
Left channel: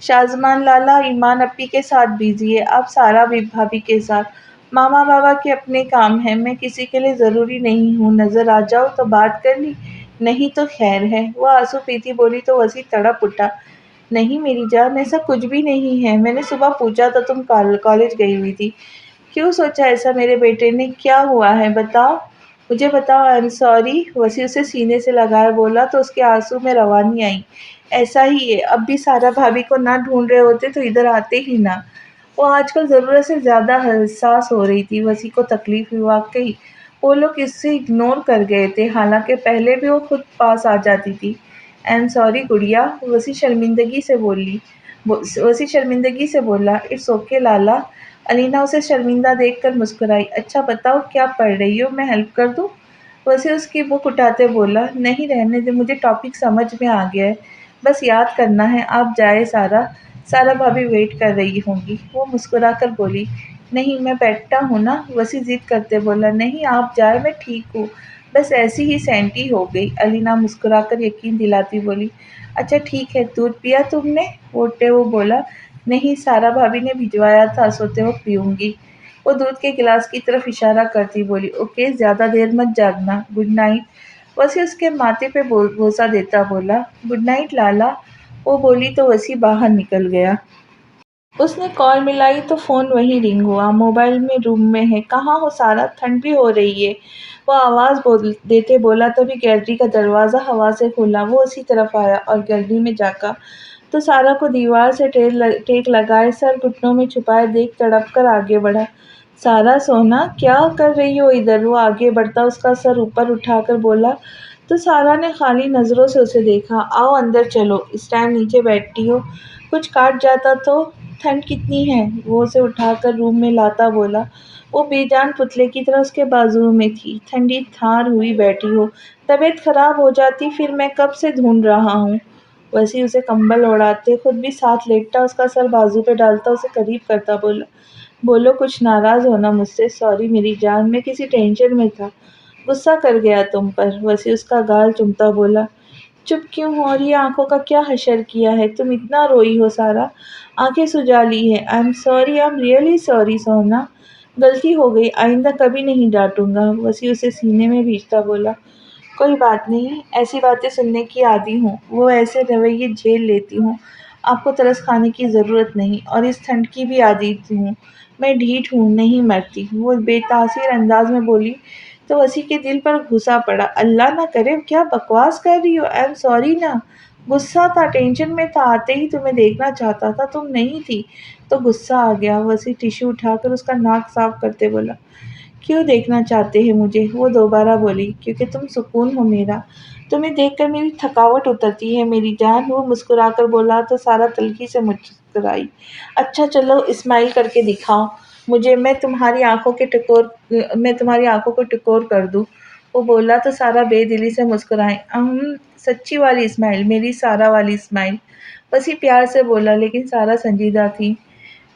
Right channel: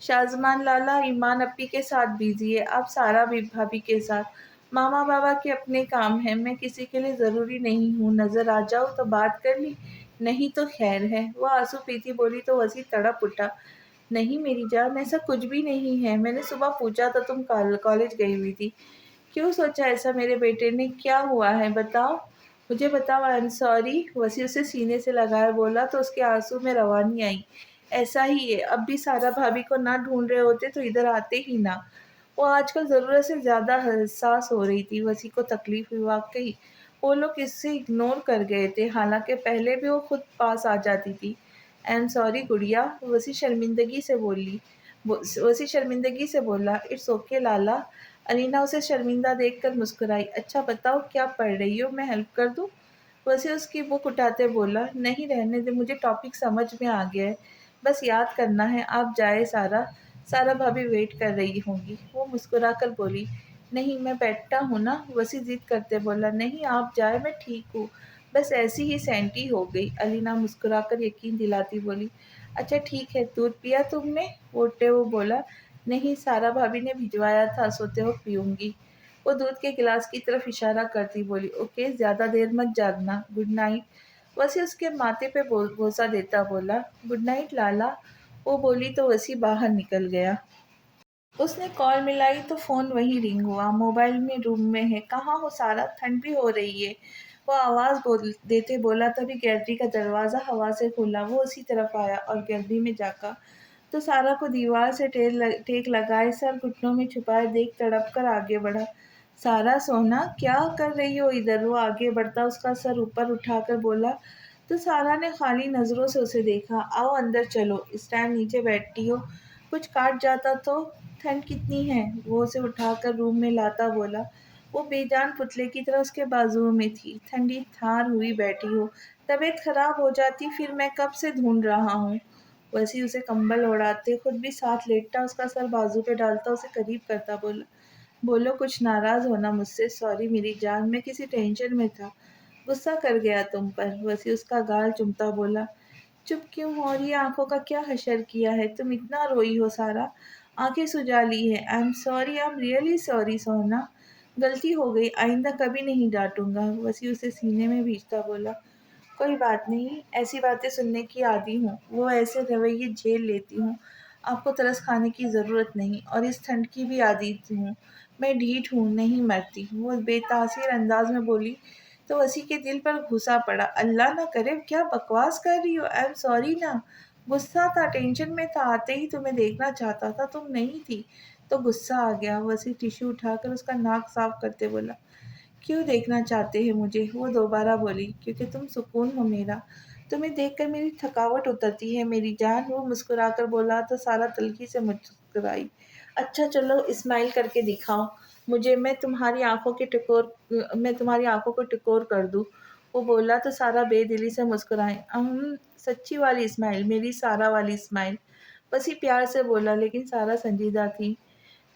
شازمان لالا ایمان اپی کے ساتھ بزی ہے، اب سارا بھی بھابھی کے ساتھ۔ ماما بابا کے اپنے کام ہیں، میں کسی کے لیے ضروری نہیں ہوں، نظر آ جاؤ تو بات کر لی، نہیں تو خیر ہے۔ وہ آنسو پیتی بولی تو وسیع تڑپ اٹھا۔ نہیں میری جان، ایسا کچھ بھی نہیں ہے، میں نے صبح پوچھا تو تم کالج گئی ہوئی تھی۔ کیوں سوچا ایسا میرے بیٹے نے؟ کیا ہوا ہے بتاؤ، مجھے بتاؤ۔ آئی ایم سوری، وسیع اسے سینے سے لگائے بولا تو اس کے آنسو میں روانی آئی۔ ایسا ہی ہے، اب بھی سارا بھابھی کو نہ ڈھونڈ رہے ہوتے تو ادھر آتے ہی نہ۔ وہ آج کل ضرورت سے زیادہ حساس ہو رہی تھی، وسیع کو تکلیف ہوئی۔ واقعی وہ لوگ اس سے اگنور کر گئے تھے، حالانکہ پہلے بھی وہ خود پاس آ جاتی تھی۔ آئی ایم سوری گڑیا، وسیع شرمندگی سے بولا۔ اٹس اوکے لالا۔ الینا اسے شرمندہ دیکھ کر مسکرائی۔ اچھا بتاؤ کیا پڑھ رہی ہو، میں ہیلپ کر دوں؟ وسیع اس کی بک اٹھاتے بولا۔ نہیں رہنے دے، مجھے ٹاپک سمجھ میں آ گیا ہے، بس یاد کرنا ہے۔ آپ جائے سارا، سارا بھابھی ویٹ کر رہی ہوں گی۔ وہ مسکرا کر بولی۔ نہیں میں بیٹھتا ہوں نا، وسیع ضد کرتے بولا۔ نہیں آپ جائے، میں ٹھیک ہوں، بس ایسی ہی سینٹی ہو گئی۔ الینا مسکرا کر یقین دلاتی بولی۔ اچھا ٹھیک ہے، دودھ پیا تم نے؟ اٹھتے وہ بولا۔ نہیں سارا بھابھی نے بھجوایا تھا، سوتے وقت پیوں گی۔ وہ دودھ کے گلاس کی طرف اشارہ کرتی بولی۔ اوکے زیادہ دیر مت جاگنا، گڈ نائٹ۔ وسیع اس کے ماتھے پہ بوسہ دیتا بولا۔ گڈ نائٹ لالا۔ وہ بولی تو وسیع باہر نکل گیا۔ اس نے کال ملائی تو فون وہیں رنگ ہوا۔ موبائل میں روم میں ہے۔ کہاں ہو سارا، ٹھنڈ بھی ہو رہی ہے، وہ آواز دیتے بولا۔ تبھی گیلری کا دروازہ ہوا سے کھلا، وہ اسی طرف آیا اور گیلری میں جھانکا تو سارا کو دیوار سے ٹیک لگائے سر گھٹنوں میں چھپائے دیکھ تڑپ کر آگے بڑھا۔ سارا سونا، کیا کر رہی ہو ادھر؟ وہ آگے بڑھتا اس کا سر اوپر اٹھا کر بولا تو سارا نے خالی نظروں سے اسے دیکھا۔ آؤ اندر چلو، اس ٹائم نیچے بیٹھی ہو، کچھ کاٹ جاتا تو؟ ٹھنڈ کتنی ہے؟ وہ اسے اٹھا کر روم میں لاتا بولا۔ وہ بے جان پتلے کی طرح اس کے بازو میں تھی۔ ٹھنڈی تھار ہوئی بیٹھی ہو، طبیعت خراب ہو جاتی پھر، میں کب سے ڈھونڈ رہا ہوں۔ وسیع اسے کمبل اوڑھاتے خود بھی ساتھ لیٹتا، اس کا سر بازو پہ ڈالتا اسے قریب کرتا بولا۔ بولو، کچھ ناراض ہونا مجھ سے؟ سوری میری جان، میں کسی ٹینشن میں تھا، غصہ کر گیا تم پر۔ وسیع اس کا گال چومتا بولا۔ چپ کیوں ہو؟ اور یہ آنکھوں کا کیا حشر کیا ہے؟ تم اتنا روئی ہو سارا، آنکھیں سجا لی ہے۔ I am sorry, I am really sorry سونا، غلطی ہو گئی، آئندہ کبھی نہیں ڈانٹوں گا۔ وسیع اسے سینے میں بھیجتا بولا۔ کوئی بات نہیں، ایسی باتیں سننے کی عادی ہوں، وہ ایسے رویے جھیل لیتی ہوں، آپ کو ترس کھانے کی ضرورت نہیں، اور اس ٹھنڈ کی بھی عادی ہوں، میں ڈھیٹ ہوں، نہیں مرتی۔ وہ بے تاثیر انداز میں بولی تو وسیع کے دل پر گھسا پڑا۔ اللہ نہ کرے، کیا بکواس کر رہی ہو؟ آئی ایم سوری نا، غصہ تھا، ٹینشن میں تھا، آتے ہی تمہیں دیکھنا چاہتا تھا، تم نہیں تھی تو غصہ آ گیا۔ وسیع ٹشو اٹھا کر اس کا ناک صاف کرتے بولا۔ کیوں دیکھنا چاہتے ہیں مجھے؟ وہ دوبارہ بولی، کیونکہ تم سکون ہو میرا، تمہیں دیکھ کر میری تھکاوٹ اترتی ہے میری جان۔ وہ مسکرا کر بولا تو سارا تلخی سے مسکرائی۔ اچھا چلو اسمائل کر کے دکھاؤ مجھے، میں تمہاری آنکھوں کو ٹکور کر دوں۔ وہ بولا تو سارا بے دلی سے مسکرائیں۔ سچی والی اسمائل، میری سارا والی اسمائل۔ بس ہی پیار سے بولا، لیکن سارا سنجیدہ تھی۔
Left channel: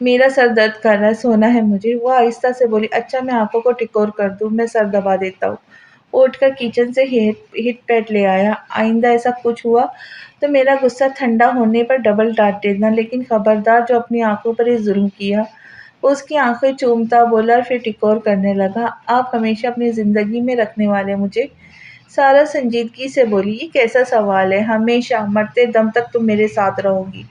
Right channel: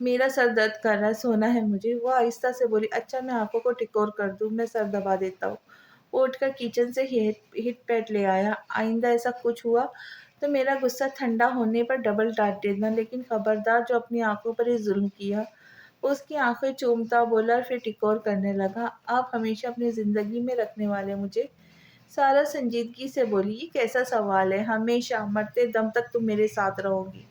میرا سر درد کر رہا ہے، سونا ہے مجھے۔ وہ آہستہ سے بولی، اچھا میں آنکھوں کو ٹکور کر دوں، میں سر دبا دیتا ہوں۔ وہ اٹھ کر کچن سے ہٹ پیڈ لے آیا۔ آئندہ ایسا کچھ ہوا تو میرا غصہ ٹھنڈا ہونے پر ڈبل ڈانٹ دینا، لیکن خبردار جو اپنی آنکھوں پر ہی ظلم کیا۔ وہ اس کی آنکھیں چومتا بولا اور پھر ٹکور کرنے لگا، آپ ہمیشہ اپنی زندگی میں رکھنے والے مجھے؟ سارا سنجیدگی سے بولی، یہ کیسا سوال ہے؟ ہمیشہ، مرتے دم تک تم میرے ساتھ رہو گی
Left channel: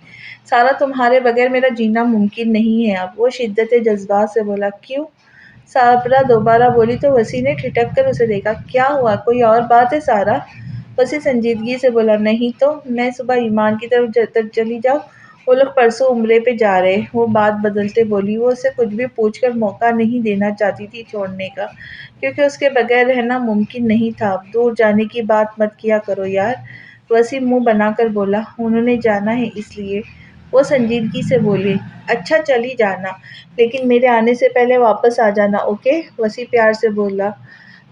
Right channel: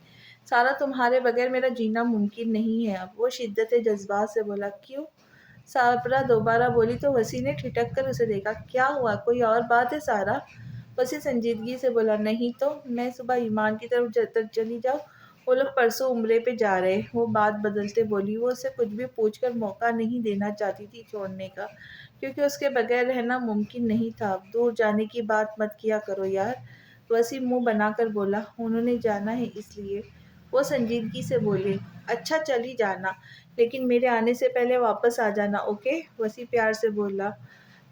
سارا، تمہارے بغیر میرا جینا ممکن نہیں ہے اب۔ وہ شدت جذبات سے بولا، کیوں؟ سارا دوبارہ بولی تو وسیع نے ٹھٹک کر اسے دیکھا۔ کیا ہوا؟ کوئی اور بات ہے سارا؟ وسیع سنجیدگی سے بولا، نہیں تو میں صبح ایمان کی طرف چلی جاؤں، وہ لوگ پرسوں عمرے پہ جا رہے۔ وہ بات بدلتے بولی، وہ اسے کچھ بھی پوچھ کر موقع نہیں دینا چاہتی تھی چھوڑنے کا، کیونکہ اس کے بغیر رہنا ممکن نہیں تھا اب۔ دور جانے کی بات مت کیا کرو یار، وسیع منہ بنا کر بولا، انہوں نے جانا ہے اس لیے۔ وہ سنجیدگی سے بولی، اچھا چلی جانا، لیکن میرے آنے سے پہلے واپس آ جانا، اوکے؟ وسیع پیار سے بولا۔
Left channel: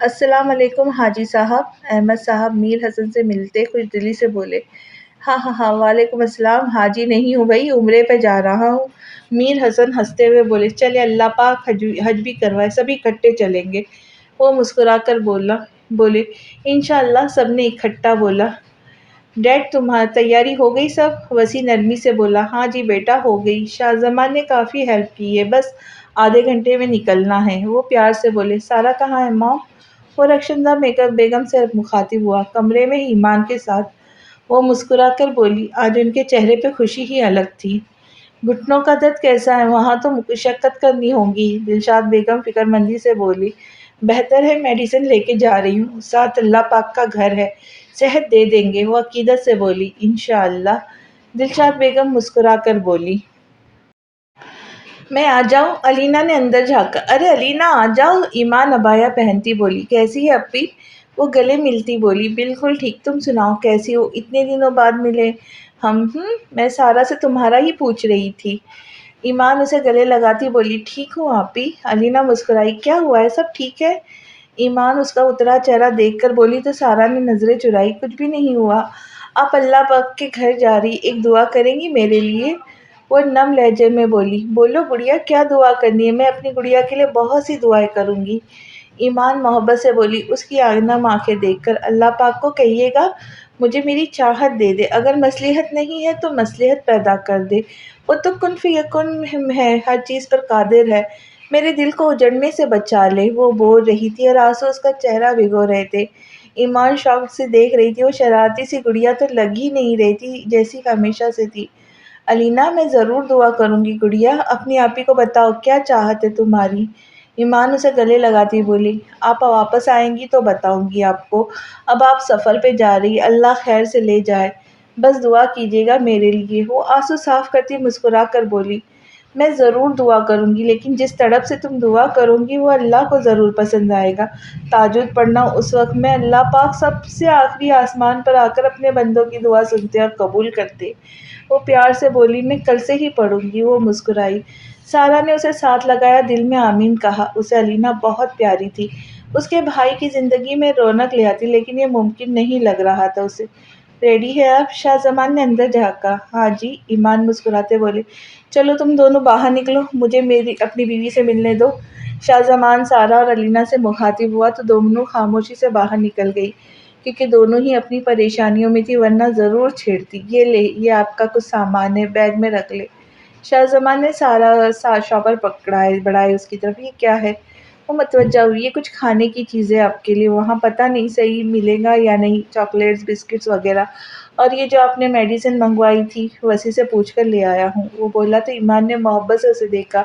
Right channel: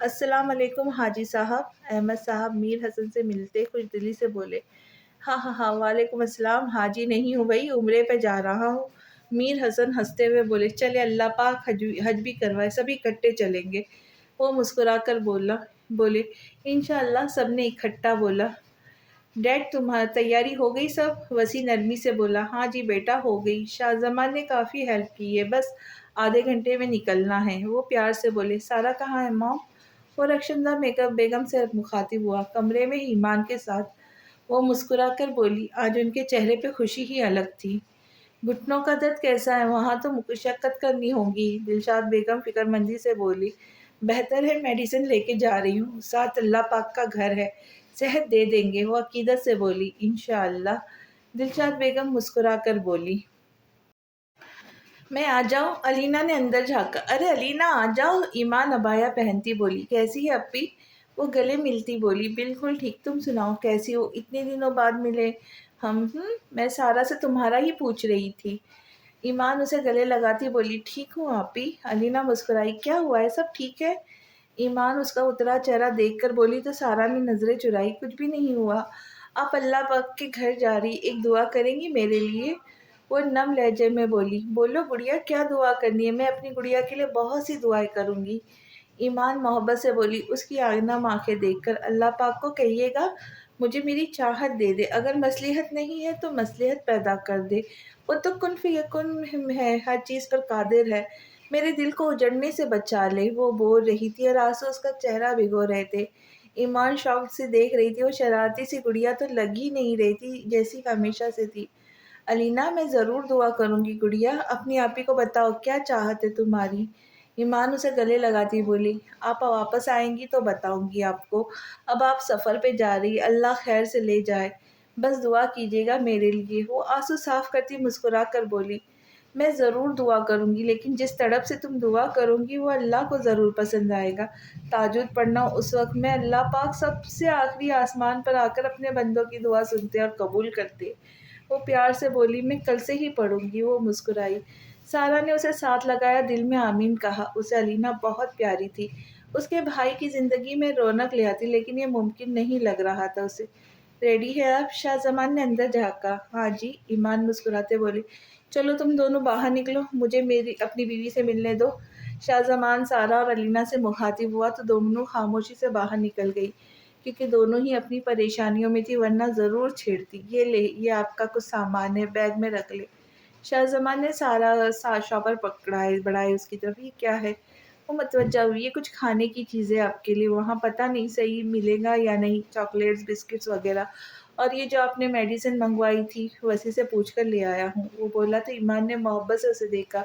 السلام علیکم حاجی صاحب۔ احمد صاحب میر حسن سے ملتے خوش دلی سے بولے۔ ہاں ہاں ہاں، وعلیکم السلام، حاجی نہیں ہوں بھائی، عمرے پہ جا رہا ہوں۔ میر حسن ہنستے ہوئے بولے، چلے اللہ پاک حج بھی کروائے، سب اکٹھے چلیں گے۔ وہ مسکرا کر بولے، انشاءاللہ۔ سب نے اکٹھا بولا۔ ڈیڈ تمہاری تیاری ہو گئی سب؟ وسیع نرمی سے بولا، ہاں جی بیٹا ہو گئی، شاہ زمان نے کافی ہیلپ کی ہے، بس آدھے گھنٹے میں نکلنا ہے۔ وہ پیار سے بولے، سارا کہاں ہے ماں؟ وہ رخشندہ بیگم سے مخاطب ہوا، کمرے میں ایمان کے ساتھ۔ وہ مسکرا کر بولی، آج ان کے چہرے پہ خوشی ہی الگ تھی۔ گھٹنوں کا درد کیسا ہے؟ وہاں تو مشقت کرنی ہوگی، دلشاد بیگم فکر مندی سے بولی۔ بہتر ہے، میڈیسن لے کے جا رہی ہوں، ساتھ اللہ پاک کا گھر ہے، صحت دے دیں گے۔ وہ عقیدت سے بولی، انشاءاللہ۔ دلشاد بیگم مسکرا کر بولی، میں آ جاؤں؟ علینا نے اندر جھانکا۔ ارے علینا آ جاؤ، ایمان عبایا پہنتی بولی، کیسی ہے اپی؟ وہ گلے ملتی بولی، بالکل ٹھیک، تم سناؤ کیسی ہو؟ اتنے دنوں بعد ملے ہم۔ میں سارا سے تمہارا ہی پوچھ رہی تھی۔ ایمان اسے گلے لگاتی بولی، ٹھیک ہوں آپی۔ علینا مسکرائی، کیا ہوا ہے، سب ٹھیک ہے؟ ایمان اس کا اترا چہرہ دیکھ کر بولی تو سارا نے نظریں چرائی، کچھ بھی نہیں ہوا، آپ اللہ پاک کے گھر جا رہی، ایک دعا کریں گی میرے لیے؟ وہ نم لہجے میں بولی، بولو گڑیا، کیا دعا کرنی ہے؟ میں اپنی گڑیا کے لیے بہت سی دعائیں کروں گی۔ ایمان محبت سے بولی، اس کی نم آنکھیں دیکھ کر، اللہ پاک کو کہیے گا مجھے میری چاہت دے دے، اگر مصلحت نہیں ہے تو مصلحت پیدا کر دے، وہ تو کن فیکن ہے، ہر چیز پر قادر ہے، میرے دل کو اجڑنے سے بچا لے۔ وہ بول رہی تھی اور آنسو اس کا چہرہ بھگو رہے تھے۔ ایمان شوق سے دیکھ رہی تھی، وہ شرارتی سی گڑیا تو لگ ہی نہیں رہی تھی جیسی ہمیشہ سے تھی۔ علینا، میں ضرور دعا کروں گی گڑیا، اپنی آپی کو بتاؤ کیا چاہت ہے تمہاری؟ ایمان اسے گلے لگاتی بولی، آپ واپس آئیں گی تو بتاؤں گی آپ کو، اب آپ سفر پہ جا رہی، اللہ خیر سے لے جائے، بس دعا کیجیے گا میرے لیے۔ وہ آنسو صاف کرتی مسکرا کر بولی، میں ضرور دعا کروں گی، لیکن جس تڑپ سے تم دعا کرو گی وہ اللہ کو ضرور پسند آئے گا۔ تہجد پڑھنا اس وقت میں اللہ پاک سب سے آخری آسمان پر آ کر اپنے بندوں کی دعا سنتے اور قبول کرتے۔ وہ پیار سے بولی، میں کل سے ہی پڑھوں گی۔ وہ مسکرائی۔ سارا نے اسے ساتھ لگایا، دل میں آمین کہا۔ اسے علینا بہت پیاری تھی، اس کے بھائی کی زندگی میں رونق لے آتی، لیکن یہ ممکن نہیں لگ رہا تھا اسے۔ ریڈی ہے آپ؟ شاہ زمان نے اندر جھانکا۔ ہاں جی، ایمان مسکراتے بولے، چلو تم دونوں باہر نکلو، مجھے اپنی بیوی سے ملنے دو۔ شاہ زمان سارا اور علینا سے مخاطب ہوا تو دونوں خاموشی سے باہر نکل گئی، کیونکہ دونوں ہی اپنی پریشانیوں میں تھی، ورنہ ضرور چھیڑتی۔ یہ لے، یہ آپ کا کچھ سامان ہے، بیگ میں رکھ لے۔ شاہ زمان نے سارا شاپر بڑھائے اس کی طرف، یہ کیا ہے؟ وہ متوجہ ہوئی، یہ کچھ کھانے کی چیزیں آپ کے لیے، وہاں پتہ نہیں صحیح ملے گا یا نہیں، چاکلیٹس، بسکٹس وغیرہ، اور یہ جو آپ نے میڈیسن منگوائی تھی وسیع سے پوچھ کر لے آیا ہوں۔ وہ بولا تو ایمان نے محبت سے اسے دیکھا،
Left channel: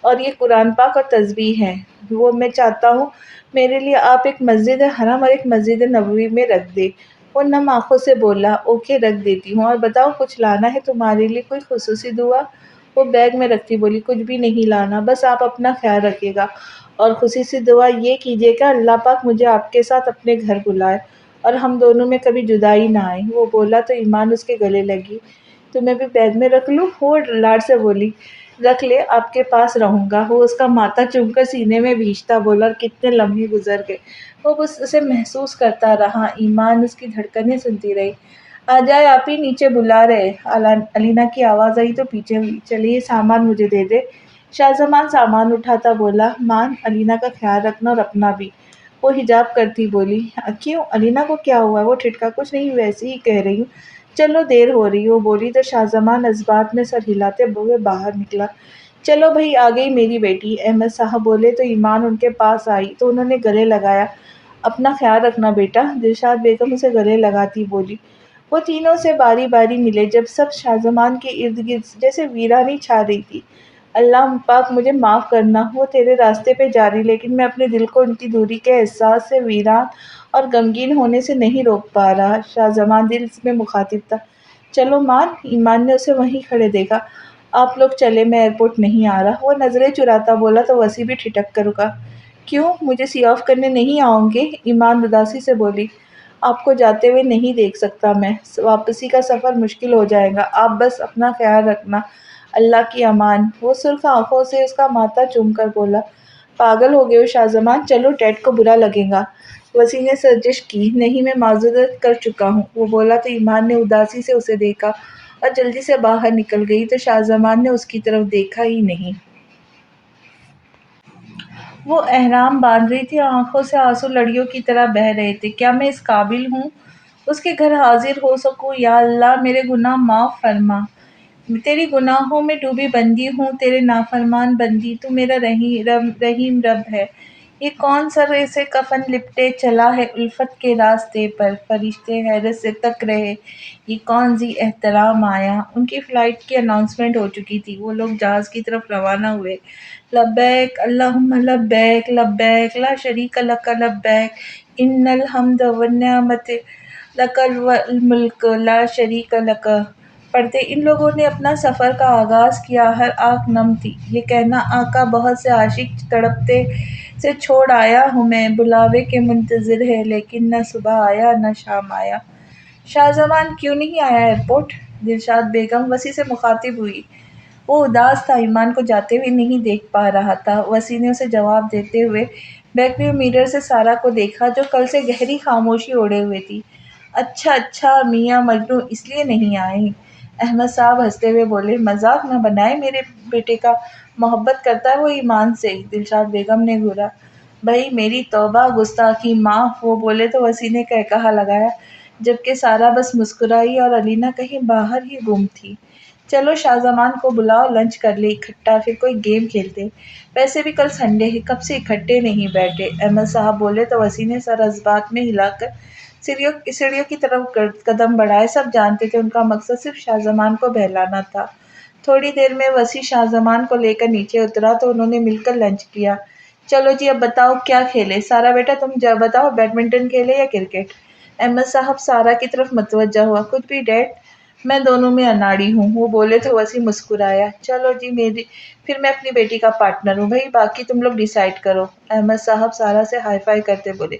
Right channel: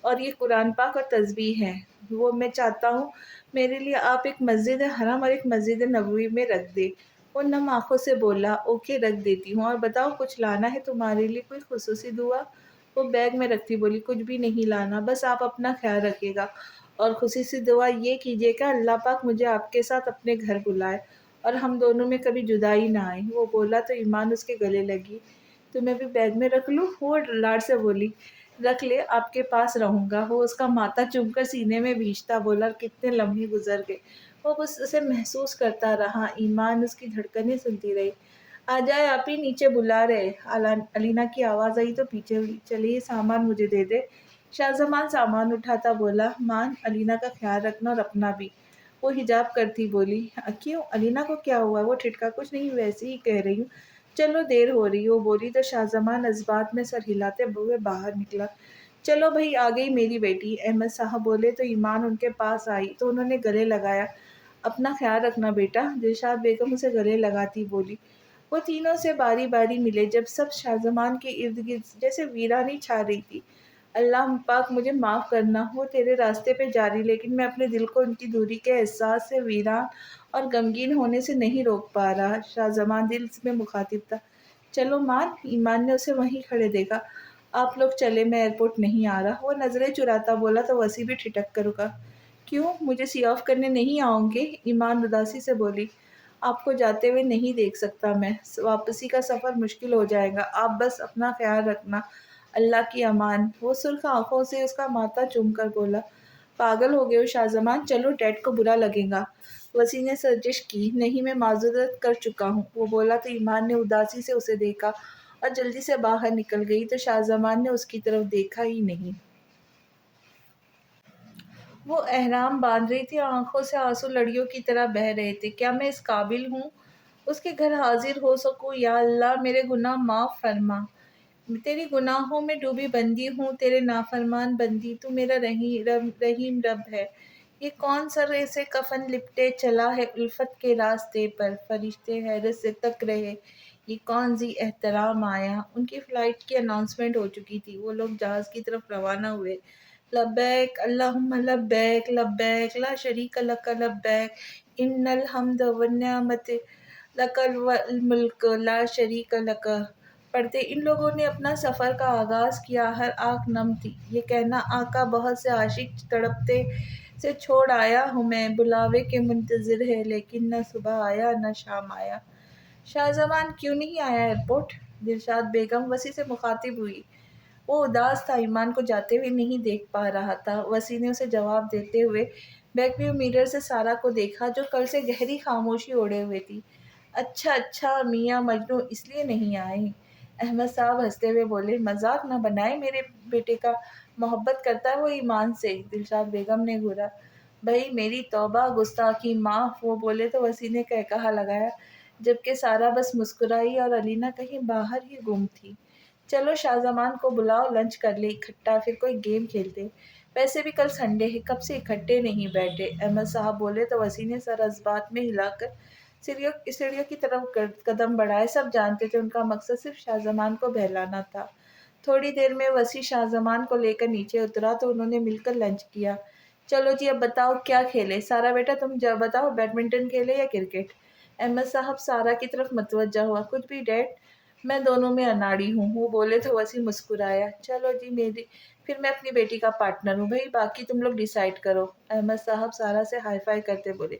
اور یہ قرآن پاک اور تسبیح ہیں، وہ میں چاہتا ہوں میرے لیے آپ ایک مسجد حرم اور ایک مسجد نبوی میں رکھ دے۔ وہ نم آنکھوں سے بولا، اوکے رکھ دیتی ہوں، اور بتاؤ کچھ لانا ہے تمہارے لیے، کوئی خصوصی دعا؟ وہ بیگ میں رکھتی بولی، کچھ بھی نہیں لانا، بس آپ اپنا خیال رکھیے گا، اور خوشی سے دعا یہ کیجیے کہ اللہ پاک مجھے آپ کے ساتھ اپنے گھر بلائے اور ہم دونوں میں کبھی جدائی نہ آئے۔ وہ بولا تو ایمان اس کے گلے لگی۔ تمہیں بھی بیگ میں رکھ لوں؟ وہ لاڈ سے بولی۔ رکھ لے، آپ کے پاس رہوں گا۔ وہ اس کا ماتھا چوم کر سینے میں بھیجتا بولا، اور کتنے لمحے گزر گئے وہ بس اسے محسوس کرتا رہا۔ ایمان اس کی دھڑکنیں سنتی رہی۔ آ جائے آپ ہی، نیچے بلا رہے۔ علینا کی آواز آئی تو پیچھے ہوئی۔ چلیے سامان مجھے دے دے۔ شاہ زمان سامان اٹھاتا بولا، مان علینا کا خیال رکھنا اور اپنا بھی۔ وہ حجاب کرتی بولی، کیوں علینا کو کیا ہوا؟ وہ ٹھٹکا، کچھ نہیں، ویسے ہی کہہ رہی ہوں، چلو دیر ہو رہی۔ وہ بولی تو شاہ زمان اثبات میں سر ہلاتے ہوئے باہر نکلا۔ چلو بھئی، آ گئی میری بیٹی۔ احمد صاحب بولے تو ایمان ان کے پاس آئی تو انہوں نے گلے لگایا۔ اپنا خیال رکھنا بیٹا، دلشاد بیگم اسے گلے لگاتی بولی۔ وہ تینوں سے باری باری ملے، جب سب شاہ زمان کے ارد گرد جیسے ویرانی چھا رہی تھی۔ اللہ پاک مجھے معاف کرنا، وہ تیرے راستے پہ جاری، لیکن میں اپنے دل کو ان کی دوری کے احساس سے ویران اور غمگین ہونے سے نہیں روک پا رہا۔ شاہ زمان دل میں مخاطب تھا۔ چلو مان۔ ایمان نے اسے وہیں کھڑے دیکھا۔ آپ لوگ چلے، میں ایئرپورٹ نہیں آ رہا۔ وہ نظریں چراتا بولا تو وسیع بھی ٹھٹک کر رکا۔ کیوں، مجھے سی آف کرنے نہیں آؤ گے؟ ایمان اداسی سے بولی۔ آپ کو جاتے ہوئے نہیں دیکھ سکتا میں، واپسی کا سفر مشکل ہو جائے گا، آپ بس اپنا خیال رکھنا، اللہ کی امان۔ وہ سرخ آنکھوں سے اس کا ماتھا چوم کر بولا، پاگل ہو گئے ہو شاہ زمان، چلو ڈیڈ کو برا لگے گا۔ وسیع نے سرزش کی، نہیں میں معذرت کر چکا ہوں۔ وہ بولا تو ایمان نے اداسی سے اسے دیکھا اور جلدی سے باہر نکل گئی تو شاہ زمان نے اس کی طرف دیکھا ہی نہیں۔ وہ احرام باندھ رہی تھی اور آنکھوں سے آنسو لڑیوں کی طرح بہہ رہے تھے۔ کیا میں اس قابل ہوں اس کے گھر حاضر ہو سکوں؟ یا اللہ میرے گناہ معاف فرما، تیری گناہوں میں ڈوبی بندی ہوں، تیرے نافرمان بندی، تو میرا رحیم رب ہے۔ یہ کون سر سے کفن لپٹے چلا ہے الفت کے راستے پر، فرشتے حیرت سے تک رہے، یہ کون ذی احترام آیا۔ ان کی فلائٹ کی اناؤنسمنٹ ہو چکی تھی، وہ لوگ جہاز کی طرف روانہ ہوئے۔ لبیک اللہم لبیک، لبیک لا شریک لک لبیک، ان الحمد والنعمت لک والملک لا شریک لک۔ پڑھتے ان لوگوں نے اپنا سفر کا آغاز کیا، ہر آنکھ نم تھی۔ یہ کہنا، آقا بہت سے عاشق تڑپتے سے چھوڑ آیا ہوں میں، بلاوے کے منتظر ہے، لیکن نہ صبح آیا نہ شام آیا۔ شاہ زمان کیوں نہیں آیا ایئرپورٹ؟ دلشاد بیگم وسیع سے مخاطب ہوئی۔ وہ اداس تھا، ایمان کو جاتے ہوئے نہیں دیکھ پا رہا تھا۔ وسیع نے اسے جواب دیتے ہوئے بیک ویو میرر سے سارا کو دیکھا، جو کل سے گہری خاموشی اوڑھے ہوئے تھی۔ اچھا میاں مجنوں اس لیے نہیں آئے؟ احمد صاحب ہنستے ہوئے بولے، مذاق نہ بنائے، میرے بیٹے کا محبت کرتا ہے وہ ایمان سے۔ دلشاد بیگم نے گھورا، بھائی میری توبہ، گستاخی معاف۔ وہ بولے تو وسیع نے قہقہا لگایا، جبکہ سارا بس مسکرائی اور علینا کہیں باہر ہی گم تھی۔ چلو شاہ زمان کو بلاؤ، لنچ کر لے اکٹھا، پھر کوئی گیم کھیلتے، ویسے بھی کل سنڈے ہے، کب سے اکٹھے نہیں بیٹھے۔ احمد صاحب بولے تو وسیع نے سر اثبات میں ہلا کر سیڑھیوں کی طرف قدم بڑھائے۔ سب جانتے تھے ان کا مقصد صرف شاہ زمان کو بہلانا تھا۔ تھوڑی دیر میں وسیع شاہ زمان کو لے کر نیچے اترا تو انہوں نے مل کر لنچ کیا۔ چلو جی اب بتاؤ کیا کھیلے؟ سارا بیٹا تم بتاؤ، بیڈمنٹن کھیلے یا کرکٹ؟ احمد صاحب سارا کی طرف متوجہ ہوا، کچھ بھی ڈیڈ، میں دونوں میں اناڑی ہوں۔ وہ بولے تو وسیع مسکرایا، چلو جی پھر میں اپنی بیٹی کا پارٹنر ہوں، بھائی باقی تم لوگ ڈیسائیڈ کرو۔ احمد صاحب سارا سے ہائی فائی کرتے بولے،